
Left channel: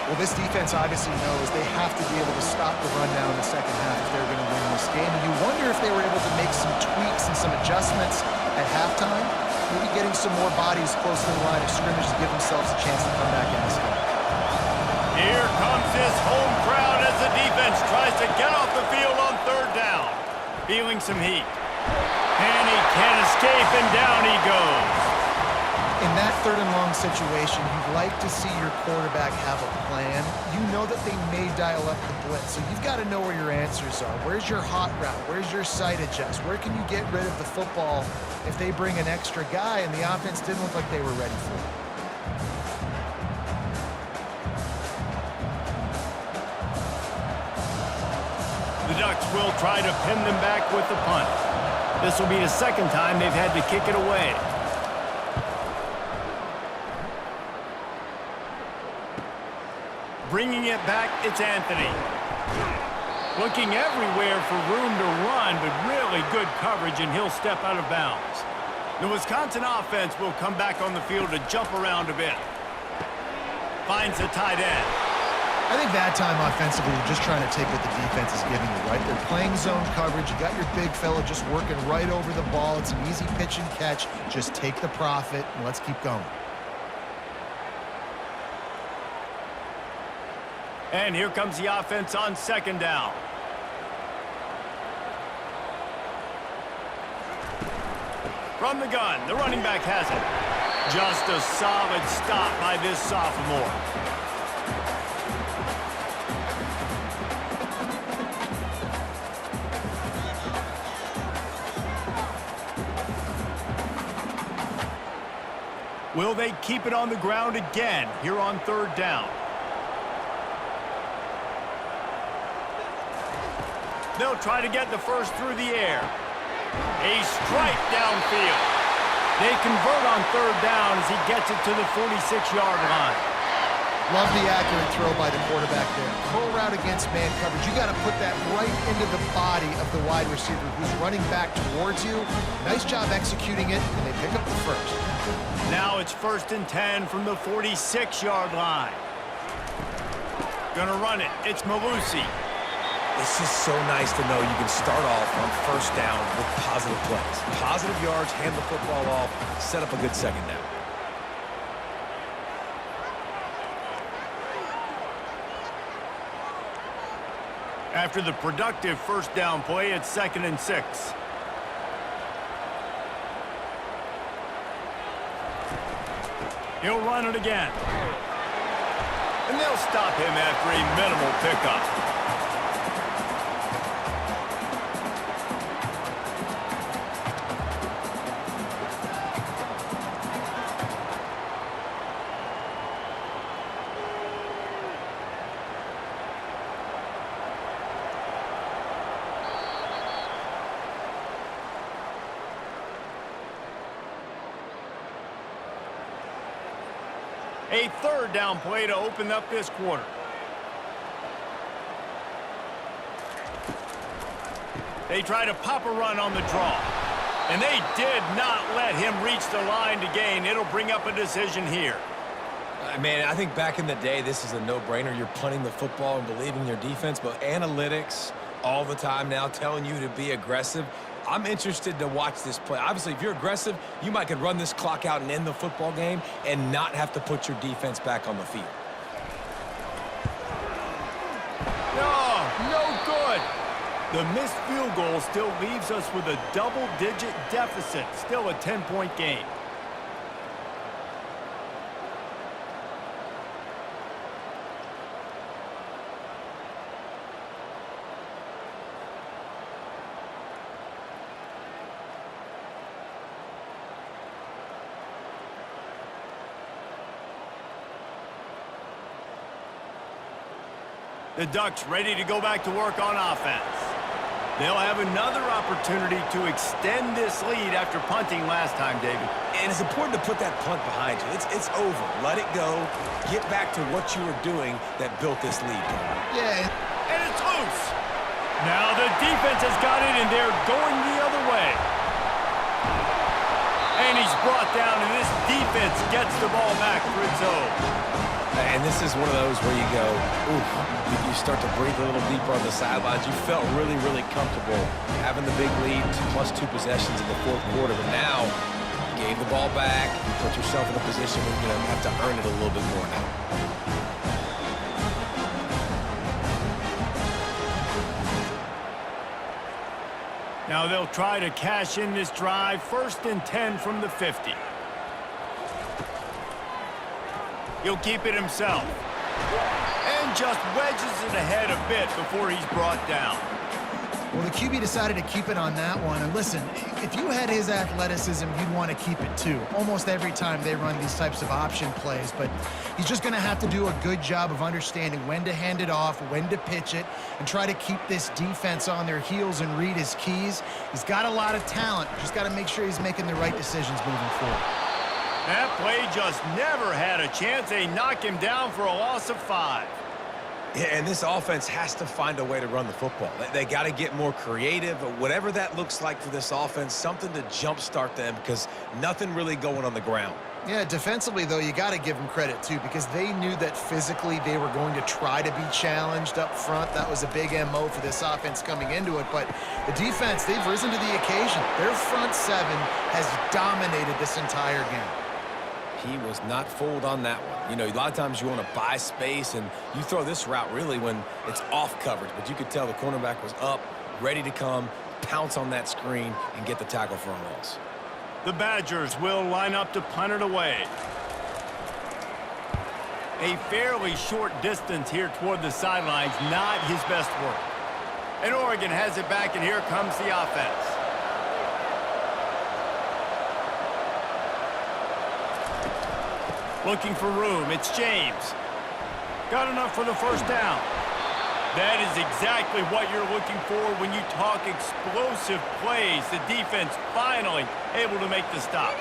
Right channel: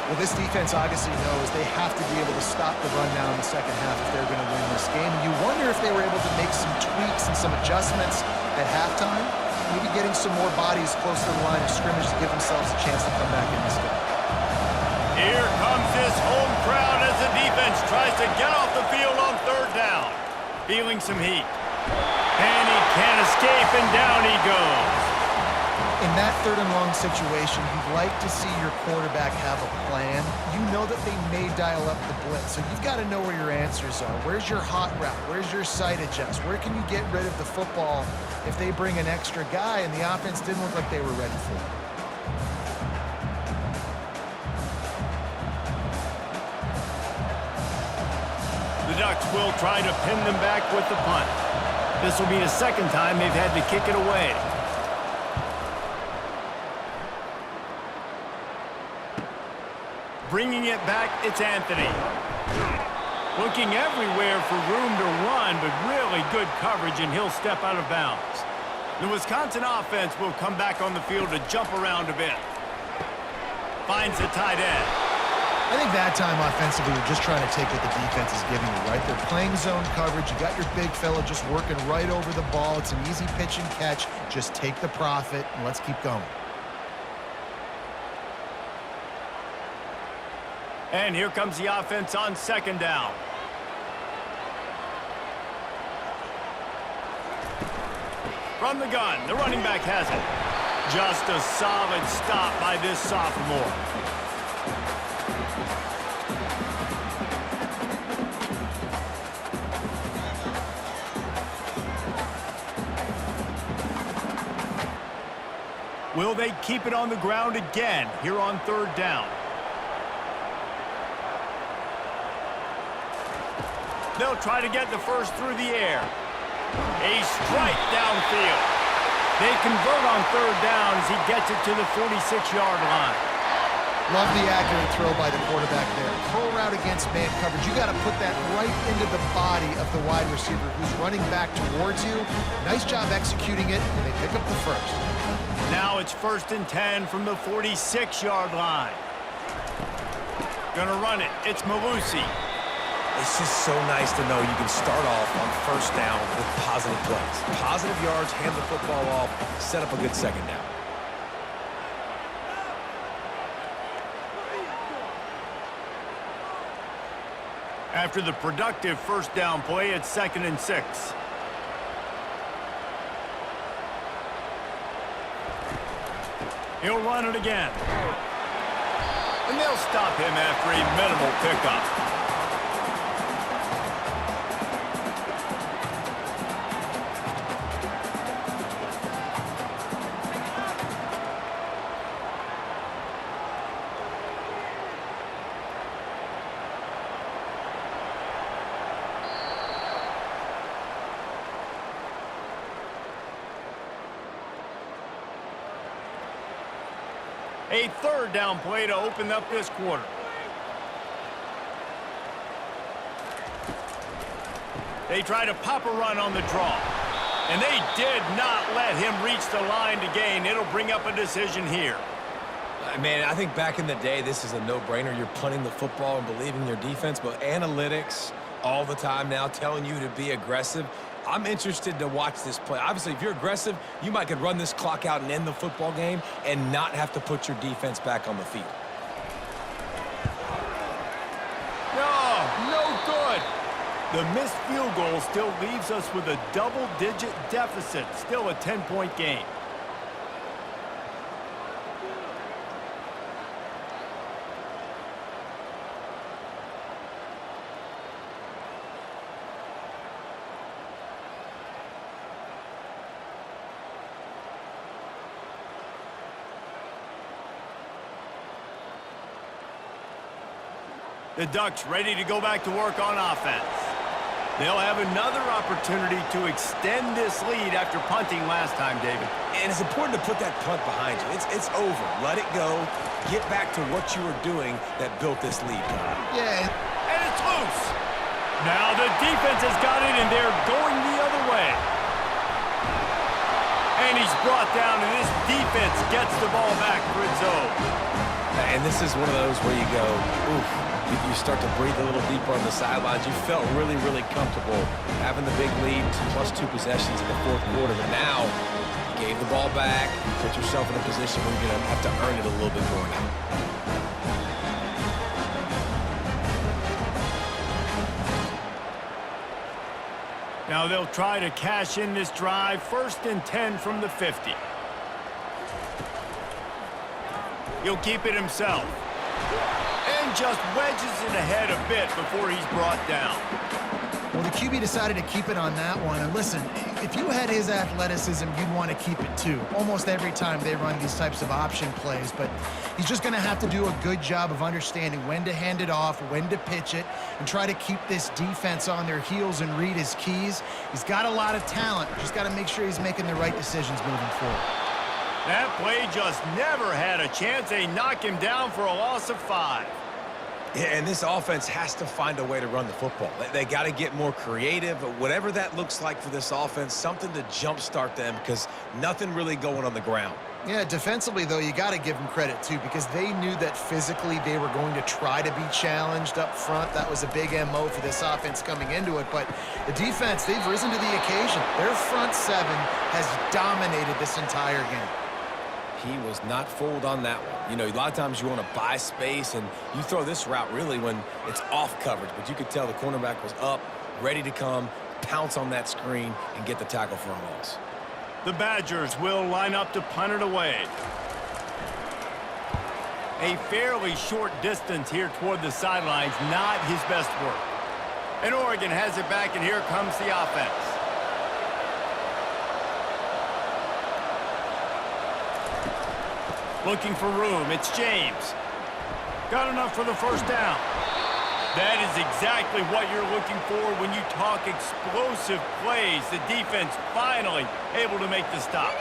Well, this defense obviously knows they have to be able to stop the run now in the second half if they're going to win this game. And you wonder if they were able to make some tweaks and some adjustments at halftime, maybe getting some more bodies close to the line of scrimmage to give themselves a chance to come back in this game. Here comes this home crowd as the defense tries to get off the field on 3rd down. Feeling some heat. And he can't escape, and down he goes. In that 3rd and long situation, you'd like to see your quarterback have a plan. You know that they may dial up the blitz, so you've got to know where your answers are. Where's your hot route? Where's your sight adjust? Where can you get rid of the football if they bring an extra guy and the offense didn't look like they were ready for it? The Ducks will try to pin them back with the punt. This will be the 2nd time they've had to kick it away. Bringing it back, it's Anthony. Looking everywhere for room to run, but really good coverage, and he'll step out of bounds. The Wisconsin offense will come back on the field to jump around a bit. Finds the tight end. I think that time offensively, you're just trying to take what the defense is giving you, right? They're playing zone coverage. You got your big fella just working right over the ball. It's an easy pitch and catch. Just take the profit, and let's keep going. And here comes the offense on second down. From the gun, the running back has it. Just a solid stop by this sophomore. Will they keep it on the ground again here on third down? They'll try to get the first through the air. A strike downfield. They convert on third down as he gets it to the 46-yard line. Love the accurate throw by the quarterback there. Curl route against man coverage. You got to put that right into the body of the wide receiver who's running back towards you. Nice job executing it, and they pick up the first. Now it's 1st and 10 from the 46-yard line. Gonna run it. It's Malusi. It's just so nice to know you can start off on first down with positive plays. Positive yards, hand the football off, set up a good second down. After the productive first down play, it's 2nd and 6. He'll run it again. And they'll stop him after a minimal pickup. A third down play to open up this quarter. They try to pop a run on the draw. And they did not let him reach the line to gain. It'll bring up a decision here. Man, I think back in the day, this is a no-brainer. You're punting the football and believing in your defense, but analytics all the time now telling you to be aggressive. I'm interested to watch this play. Obviously, if you're aggressive, you might could run this clock out and end the football game and not have to put your defense back on the field. No good. The missed field goal still leaves us with a double-digit deficit. Still a 10-point game. The Ducks ready to go back to work on offense. They'll have another opportunity to extend this lead after punting last time, David. And it's important to put that punt behind you. It's over. Let it go. Get back to what you were doing that built this lead. Yeah. And it's loose. Now the defense has got it, and they're going the other way. And he's brought down, and this defense gets the ball back for its own. And this is one of those where you go, oof. You start to breathe a little deeper on the sidelines. You felt really, really comfortable having the big lead, plus 2 possessions in the fourth quarter. But now, you gave the ball back. You put yourself in a position where you're going to have to earn it a little bit more now. Now they'll try to cash in this drive. 1st and 10 from the 50. He'll keep it himself. And just wedges it ahead a bit before he's brought down. Well, the QB decided to keep it on that one. And listen, if you had his athleticism, you'd want to keep it too. Almost every time they run these types of option plays. But he's just going to have to do a good job of understanding when to hand it off, when to pitch it, and try to keep this defense on their heels and read his keys. He's got a lot of talent. Just got to make sure he's making the right decisions moving forward. That play just never had a chance. They knock him down for a loss of 5. Yeah, and this offense has to find a way to run the football. They got to get more creative, whatever that looks like for this offense, something to jumpstart them because nothing really going on the ground. Yeah, defensively, though, you got to give them credit, too, because they knew that physically they were going to try to be challenged up front. That was a big MO for this offense coming into it. But the defense, they've risen to the occasion. Their front seven has dominated this entire game. He was not fooled on that one. You know, a lot of times you want to buy space, and you throw this route really when it's off coverage. But you could tell the cornerback was up, ready to come, pounce on that screen, and get the tackle for a loss. The Badgers will line up to punt it away. A fairly short distance here toward the sidelines, not his best work. And Oregon has it back, and here comes the offense. Looking for room, it's James. Got enough for the first down. That is exactly what you're looking for when you talk explosive plays. The defense finally able to make the stop.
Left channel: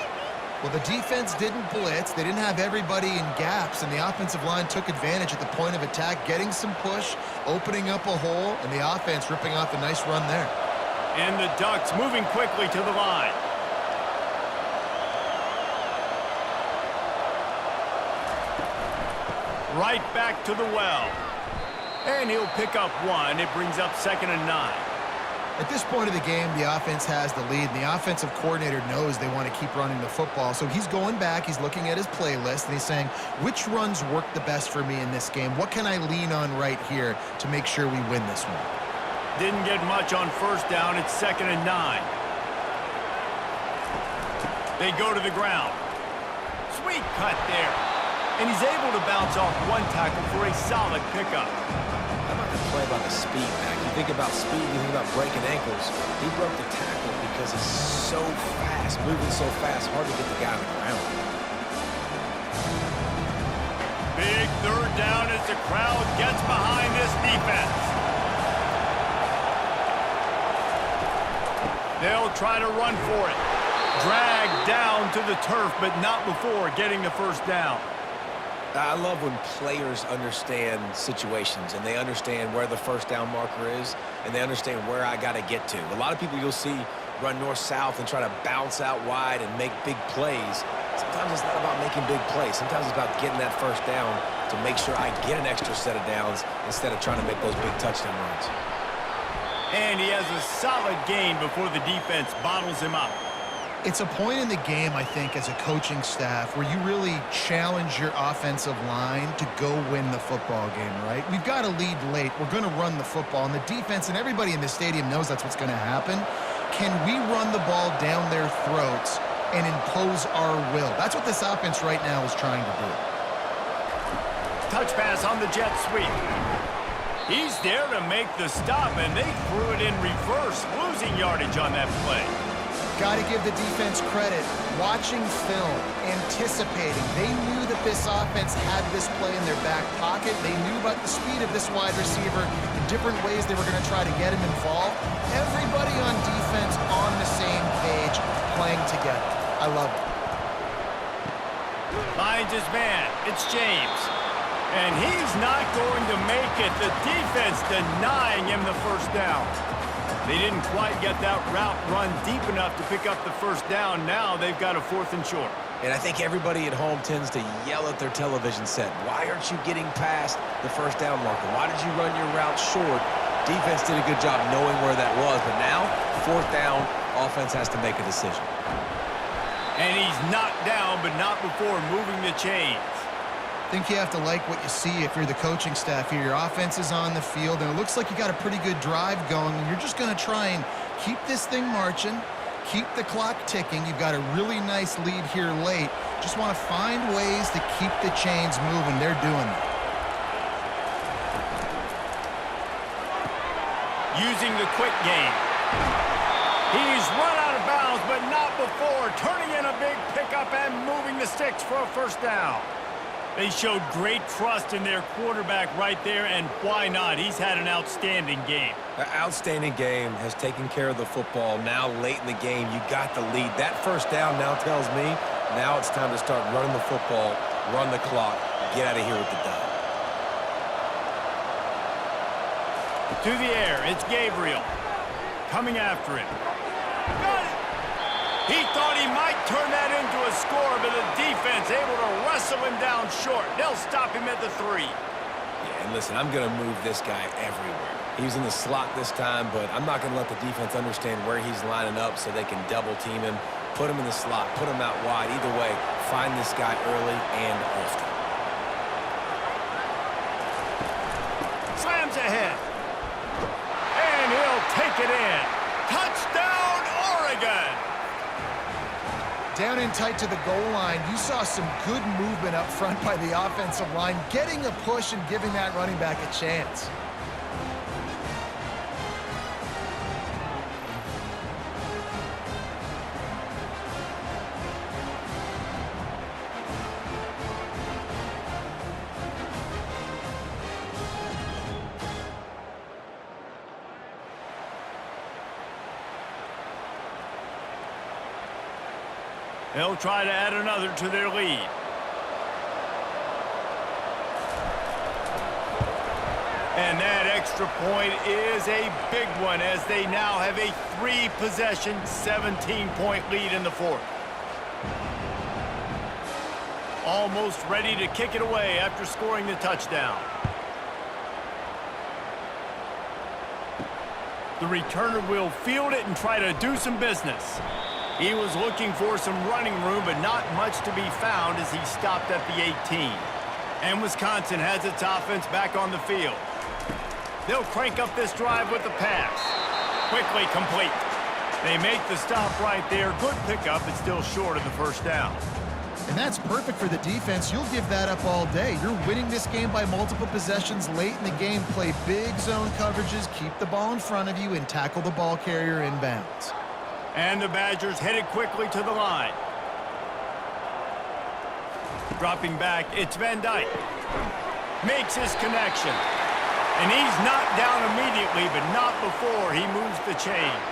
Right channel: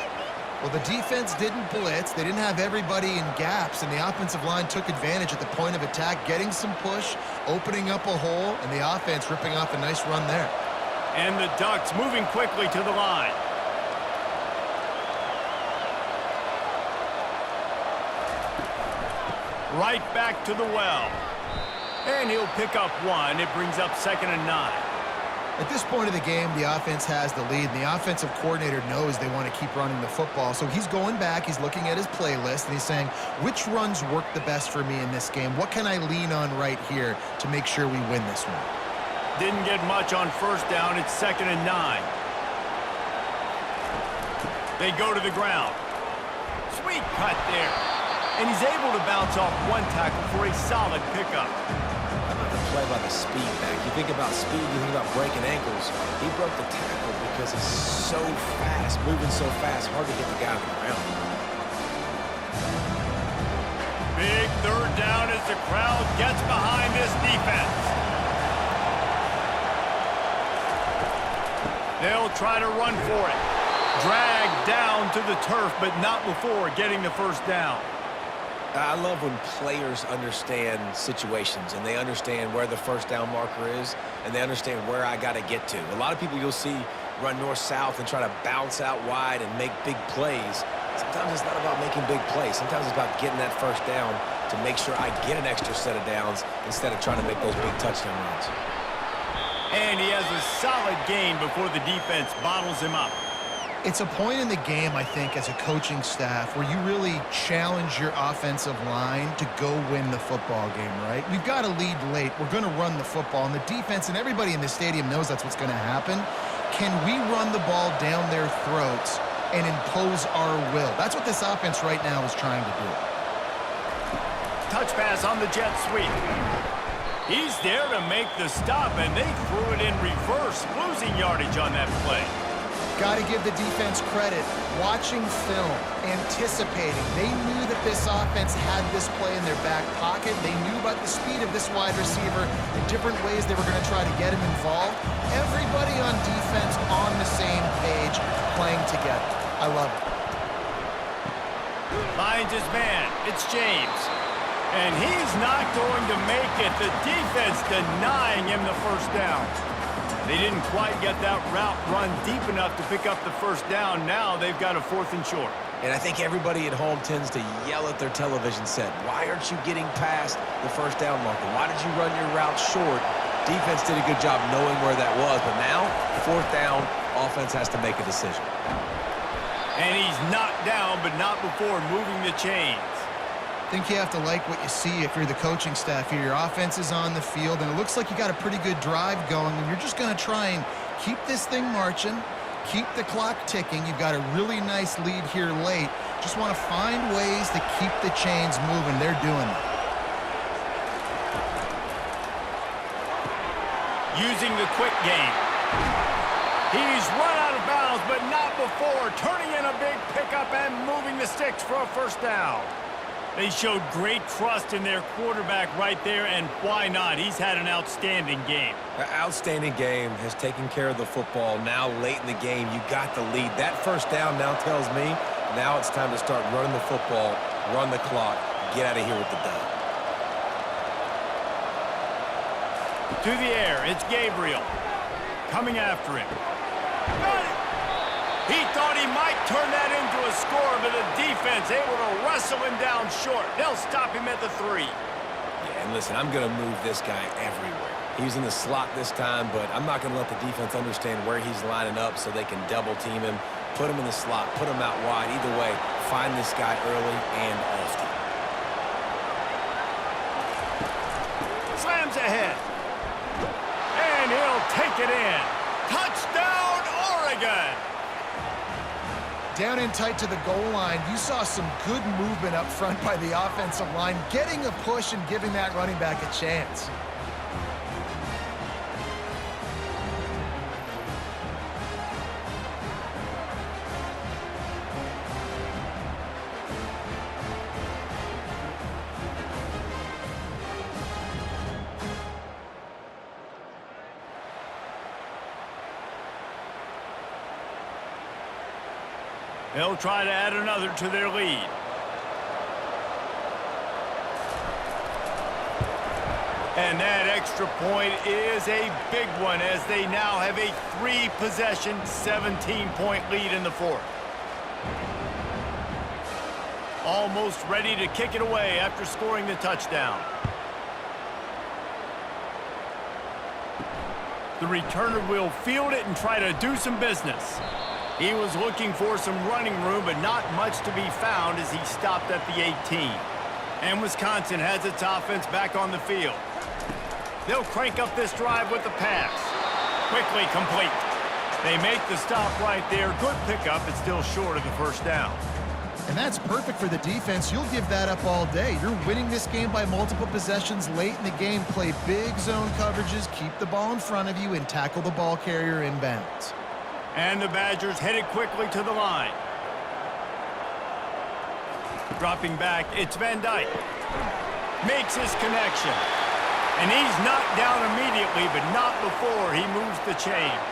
Well, the defense didn't blitz. They didn't have everybody in gaps, and the offensive line took advantage at the point of attack, getting some push, opening up a hole, and the offense ripping off a nice run there. And the Ducks moving quickly to the line. Right back to the well. And he'll pick up one. It brings up 2nd and 9. At this point of the game, the offense has the lead, and the offensive coordinator knows they want to keep running the football. So he's going back, he's looking at his playlist, and he's saying, which runs work the best for me in this game? What can I lean on right here to make sure we win this one? Didn't get much on first down. It's 2nd and 9. They go to the ground. Sweet cut there. And he's able to bounce off one tackle for a solid pickup. How about the play by the speed back? You think about speed, you think about breaking ankles. He broke the tackle because he's so fast, moving so fast, hard to get the guy on the ground. Big 3rd down as the crowd gets behind this defense. They'll try to run for it. Dragged down to the turf, but not before getting the first down. I love when players understand situations and they understand where the first down marker is and they understand where I got to get to. A lot of people you'll see run north-south and try to bounce out wide and make big plays. Sometimes it's not about making big plays. Sometimes it's about getting that first down to make sure I get an extra set of downs instead of trying to make those big touchdown runs. And he has a solid gain before the defense bottles him up. It's a point in the game, I think, as a coaching staff where you really challenge your offensive line to go win the football game, right? We've got to lead late. We're going to run the football, and the defense and everybody in the stadium knows that's what's going to happen. Can we run the ball down their throats and impose our will? That's what this offense right now is trying to do. Touch pass on the jet sweep. He's there to make the stop, and they threw it in reverse, losing yardage on that play. Got to give the defense credit. Watching film, anticipating. They knew that this offense had this play in their back pocket. They knew about the speed of this wide receiver in different ways they were going to try to get him involved. Everybody on defense on the same page, playing together. I love it. Finds his man. It's James. And he's not going to make it. The defense denying him the first down. They didn't quite get that route run deep enough to pick up the first down. Now they've got a 4th and short. And I think everybody at home tends to yell at their television set. Why aren't you getting past the first down marker? Why did you run your route short? Defense did a good job knowing where that was. But now, 4th down, offense has to make a decision. And he's knocked down, but not before moving the chains. I think you have to like what you see if you're the coaching staff here. Your offense is on the field, and it looks like you got a pretty good drive going, and you're just going to try and keep this thing marching, keep the clock ticking. You've got a really nice lead here late. Just want to find ways to keep the chains moving. They're doing it. Using the quick game. He's run out of bounds, but not before turning in a big pickup and moving the sticks for a first down. They showed great trust in their quarterback right there, and why not? He's had an outstanding game. An outstanding game, has taken care of the football. Now late in the game, you got the lead. That first down now tells me now it's time to start running the football, run the clock, get out of here with the dub. To the air, it's Gabriel. Coming after him. Got it! He thought he might turn that into a score, but the defense able to wrestle him down short. They'll stop him at the 3. Yeah, and listen, I'm going to move this guy everywhere. He's in the slot this time, but I'm not going to let the defense understand where he's lining up so they can double team him, put him in the slot, put him out wide. Either way, find this guy early and often. Slams ahead. And he'll take it in. Touchdown, Oregon! Down in tight to the goal line, you saw some good movement up front by the offensive line, getting a push and giving that running back a chance. They'll try to add another to their lead. And that extra point is a big one as they now have a 3-possession, 17-point lead in the 4th. Almost ready to kick it away after scoring the touchdown. The returner will field it and try to do some business. He was looking for some running room, but not much to be found as he stopped at the 18. And Wisconsin has its offense back on the field. They'll crank up this drive with the pass. Quickly complete. They make the stop right there. Good pickup, but still short of the first down. And that's perfect for the defense. You'll give that up all day. You're winning this game by multiple possessions late in the game. Play big zone coverages, keep the ball in front of you, and tackle the ball carrier inbounds. And the Badgers headed quickly to the line. Dropping back, it's Van Dyke. Makes his connection. And he's knocked down immediately, but not before he moves the chains.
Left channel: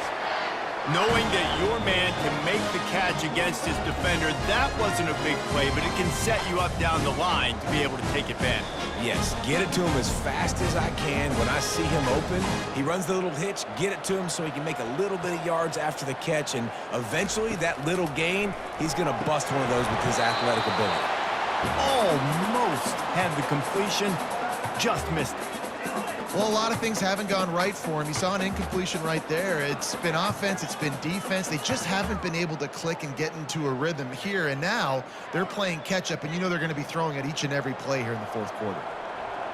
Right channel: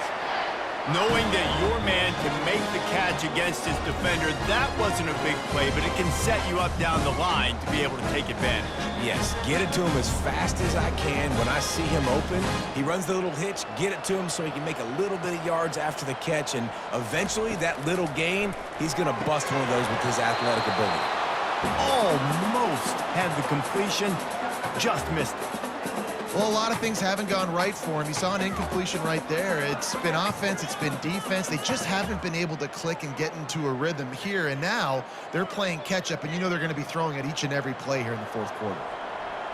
Knowing that your man can make the catch against his defender, that wasn't a big play, but it can set you up down the line to be able to take advantage. Yes, get it to him as fast as I can. When I see him open, he runs the little hitch, get it to him so he can make a little bit of yards after the catch, and eventually that little gain, he's going to bust one of those with his athletic ability. Almost had the completion, just missed it. Well, a lot of things haven't gone right for him. You saw an incompletion right there. It's been offense, it's been defense. They just haven't been able to click and get into a rhythm here, and now they're playing catch-up, and you know they're going to be throwing at each and every play here in the 4th quarter.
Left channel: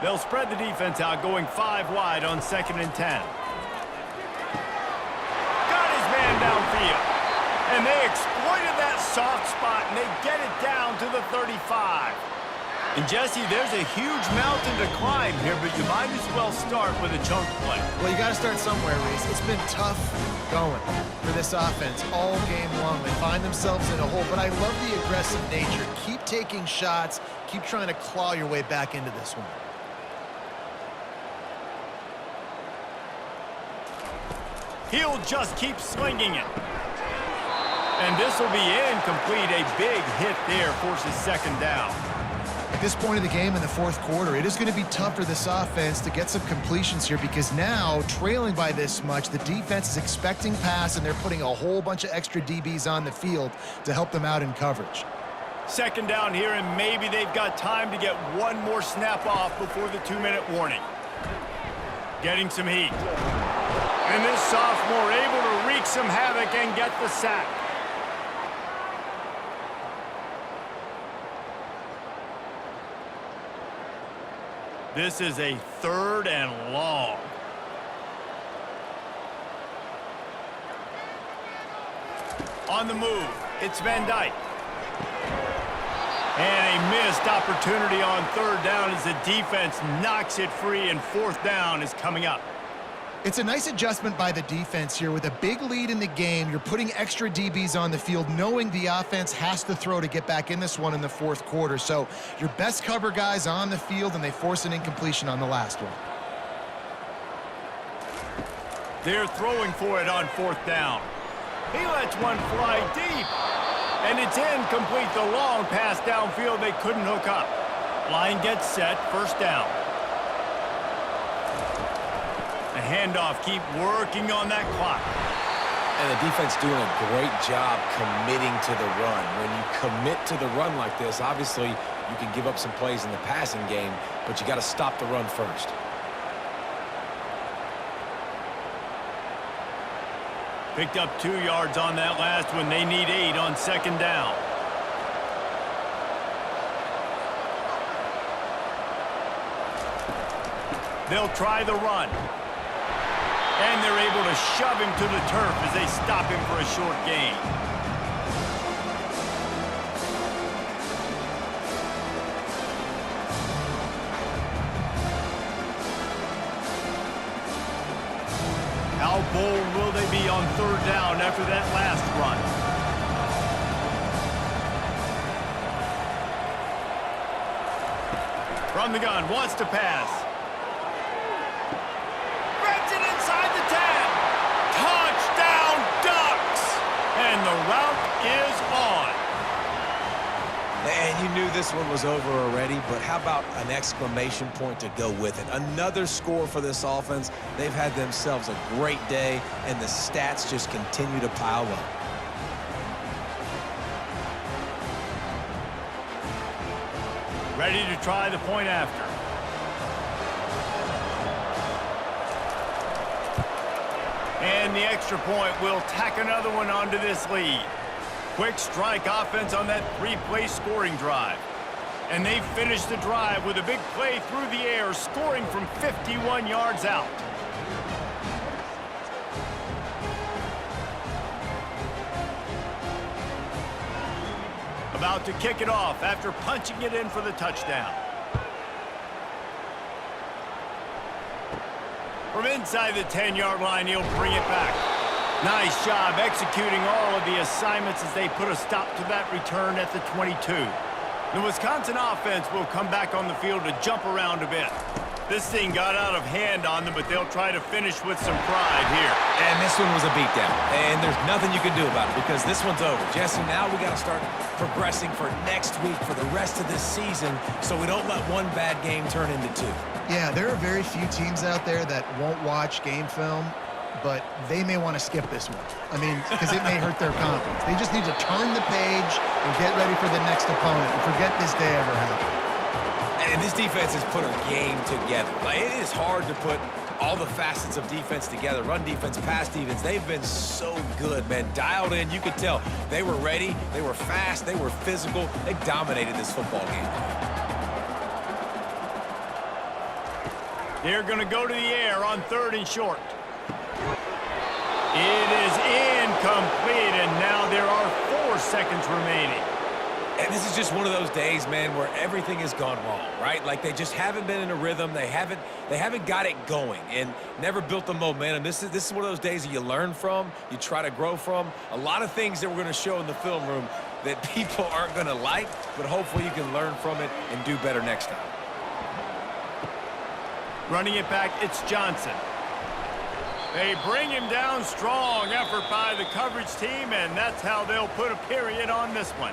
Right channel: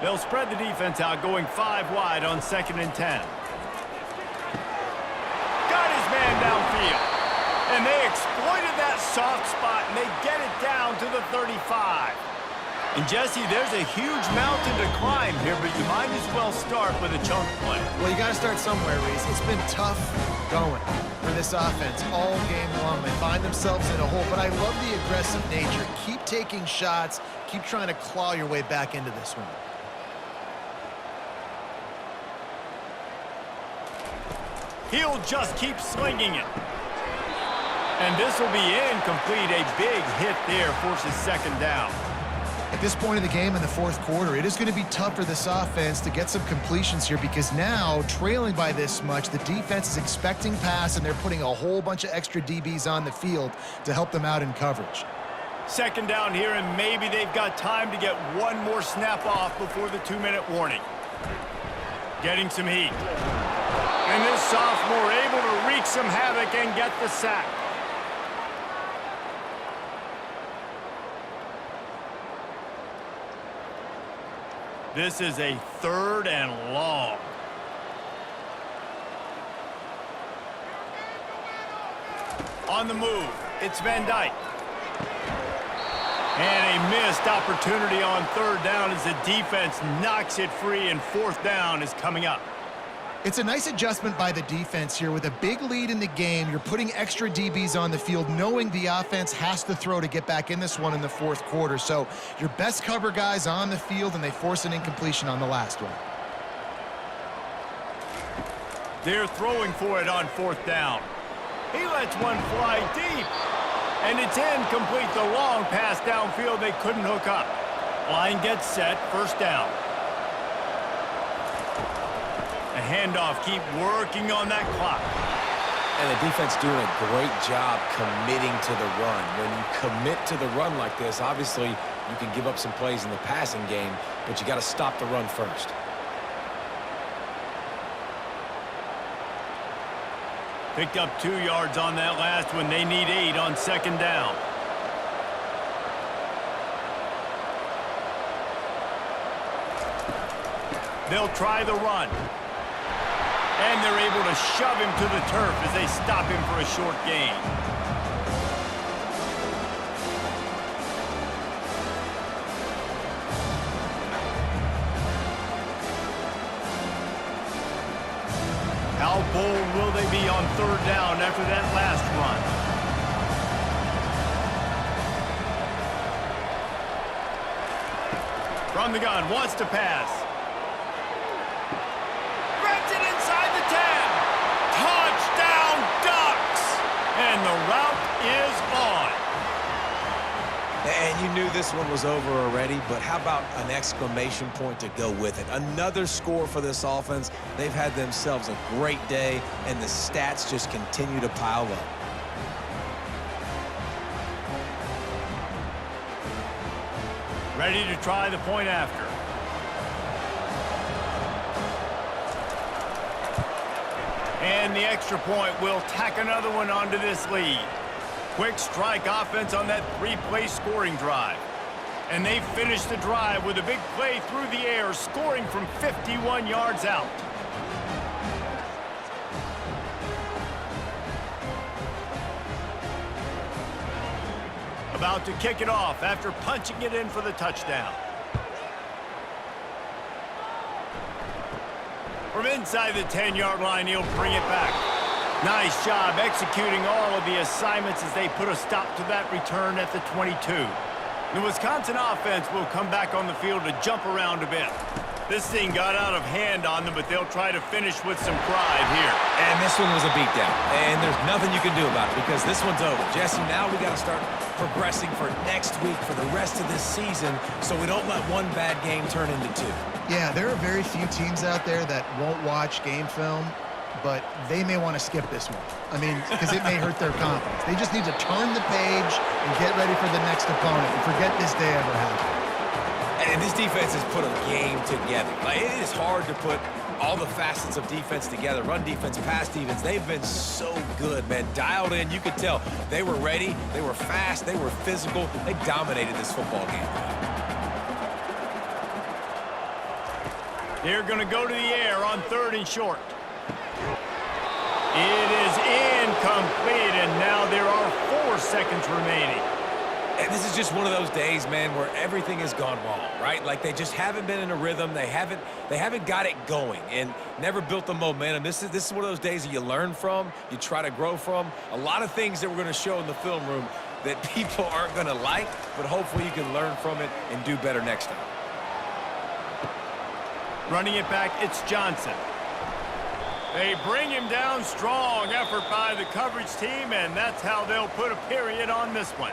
They'll spread the defense out, going 5 wide on 2nd and 10. Got his man downfield. And they exploited that soft spot, and they get it down to the 35. And, Jesse, there's a huge mountain to climb here, but you might as well start with a chunk play. Well, you got to start somewhere, Reese. It's been tough going for this offense all game long. They find themselves in a hole, but I love the aggressive nature. Keep taking shots. Keep trying to claw your way back into this one. He'll just keep slinging it. And this will be incomplete. A big hit there forces 2nd down. At this point in the game in the 4th quarter, it is going to be tough for this offense to get some completions here because now, trailing by this much, the defense is expecting pass, and they're putting a whole bunch of extra DBs on the field to help them out in coverage. 2nd down here, and maybe they've got time to get one more snap off before the 2-minute warning. Getting some heat. And this sophomore able to wreak some havoc and get the sack. This is a 3rd and long. On the move, it's Van Dyke. And a missed opportunity on 3rd down as the defense knocks it free, and 4th down is coming up. It's a nice adjustment by the defense here. With a big lead in the game, you're putting extra DBs on the field, knowing the offense has to throw to get back in this one in the 4th quarter. So your best cover guys on the field, and they force an incompletion on the last one. They're throwing for it on 4th down. He lets one fly deep. And it's incomplete. The long pass downfield, they couldn't hook up. Line gets set, 1st down. A handoff, keep working on that clock. And the defense doing a great job committing to the run. When you commit to the run like this, obviously you can give up some plays in the passing game, but you got to stop the run first. Picked up 2 yards on that last one. They need 8 on second down. They'll try the run. And they're able to shove him to the turf as they stop him for a short gain. How bold will they be on third down after that last run? From the gun, wants to pass. Grabs it inside the 10. Touchdown, Ducks! And the route is on. And you knew this one was over already, but how about an exclamation point to go with it? Another score for this offense. They've had themselves a great day, and the stats just continue to pile up. Ready to try the point after. And the extra point will tack another one onto this lead. Quick strike offense on that 3-play scoring drive. And they finished the drive with a big play through the air, scoring from 51 yards out. About to kick it off after punching it in for the touchdown. From inside the 10-yard line, he'll bring it back. Nice job executing all of the assignments as they put a stop to that return at the 22. The Wisconsin offense will come back on the field to jump around a bit. This thing got out of hand on them, but they'll try to finish with some pride here. And this one was a beatdown, and there's nothing you can do about it because this one's over. Jesse, now we got to start progressing for next week, for the rest of this season, so we don't let one bad game turn into 2. Yeah, there are very few teams out there that won't watch game film, but they may want to skip this one. I mean, because it may hurt their confidence. They just need to turn the page and get ready for the next opponent and forget this day ever happened. And this defense has put a game together. Like, it is hard to put all the facets of defense together. Run defense, pass defense. They've been so good, man. Dialed in. You could tell they were ready. They were fast. They were physical. They dominated this football game. They're going to go to the air on 3rd and short. It is incomplete, and now there are 4 seconds remaining. And this is just one of those days, man, where everything has gone wrong, right? Like, they just haven't been in a rhythm. They haven't got it going and never built the momentum. This is one of those days that you learn from, you try to grow from. A lot of things that we're going to show in the film room that people aren't going to like, but hopefully you can learn from it and do better next time. Running it back, it's Johnson. They bring him down strong. Effort by the coverage team, and that's how they'll put a period on this one.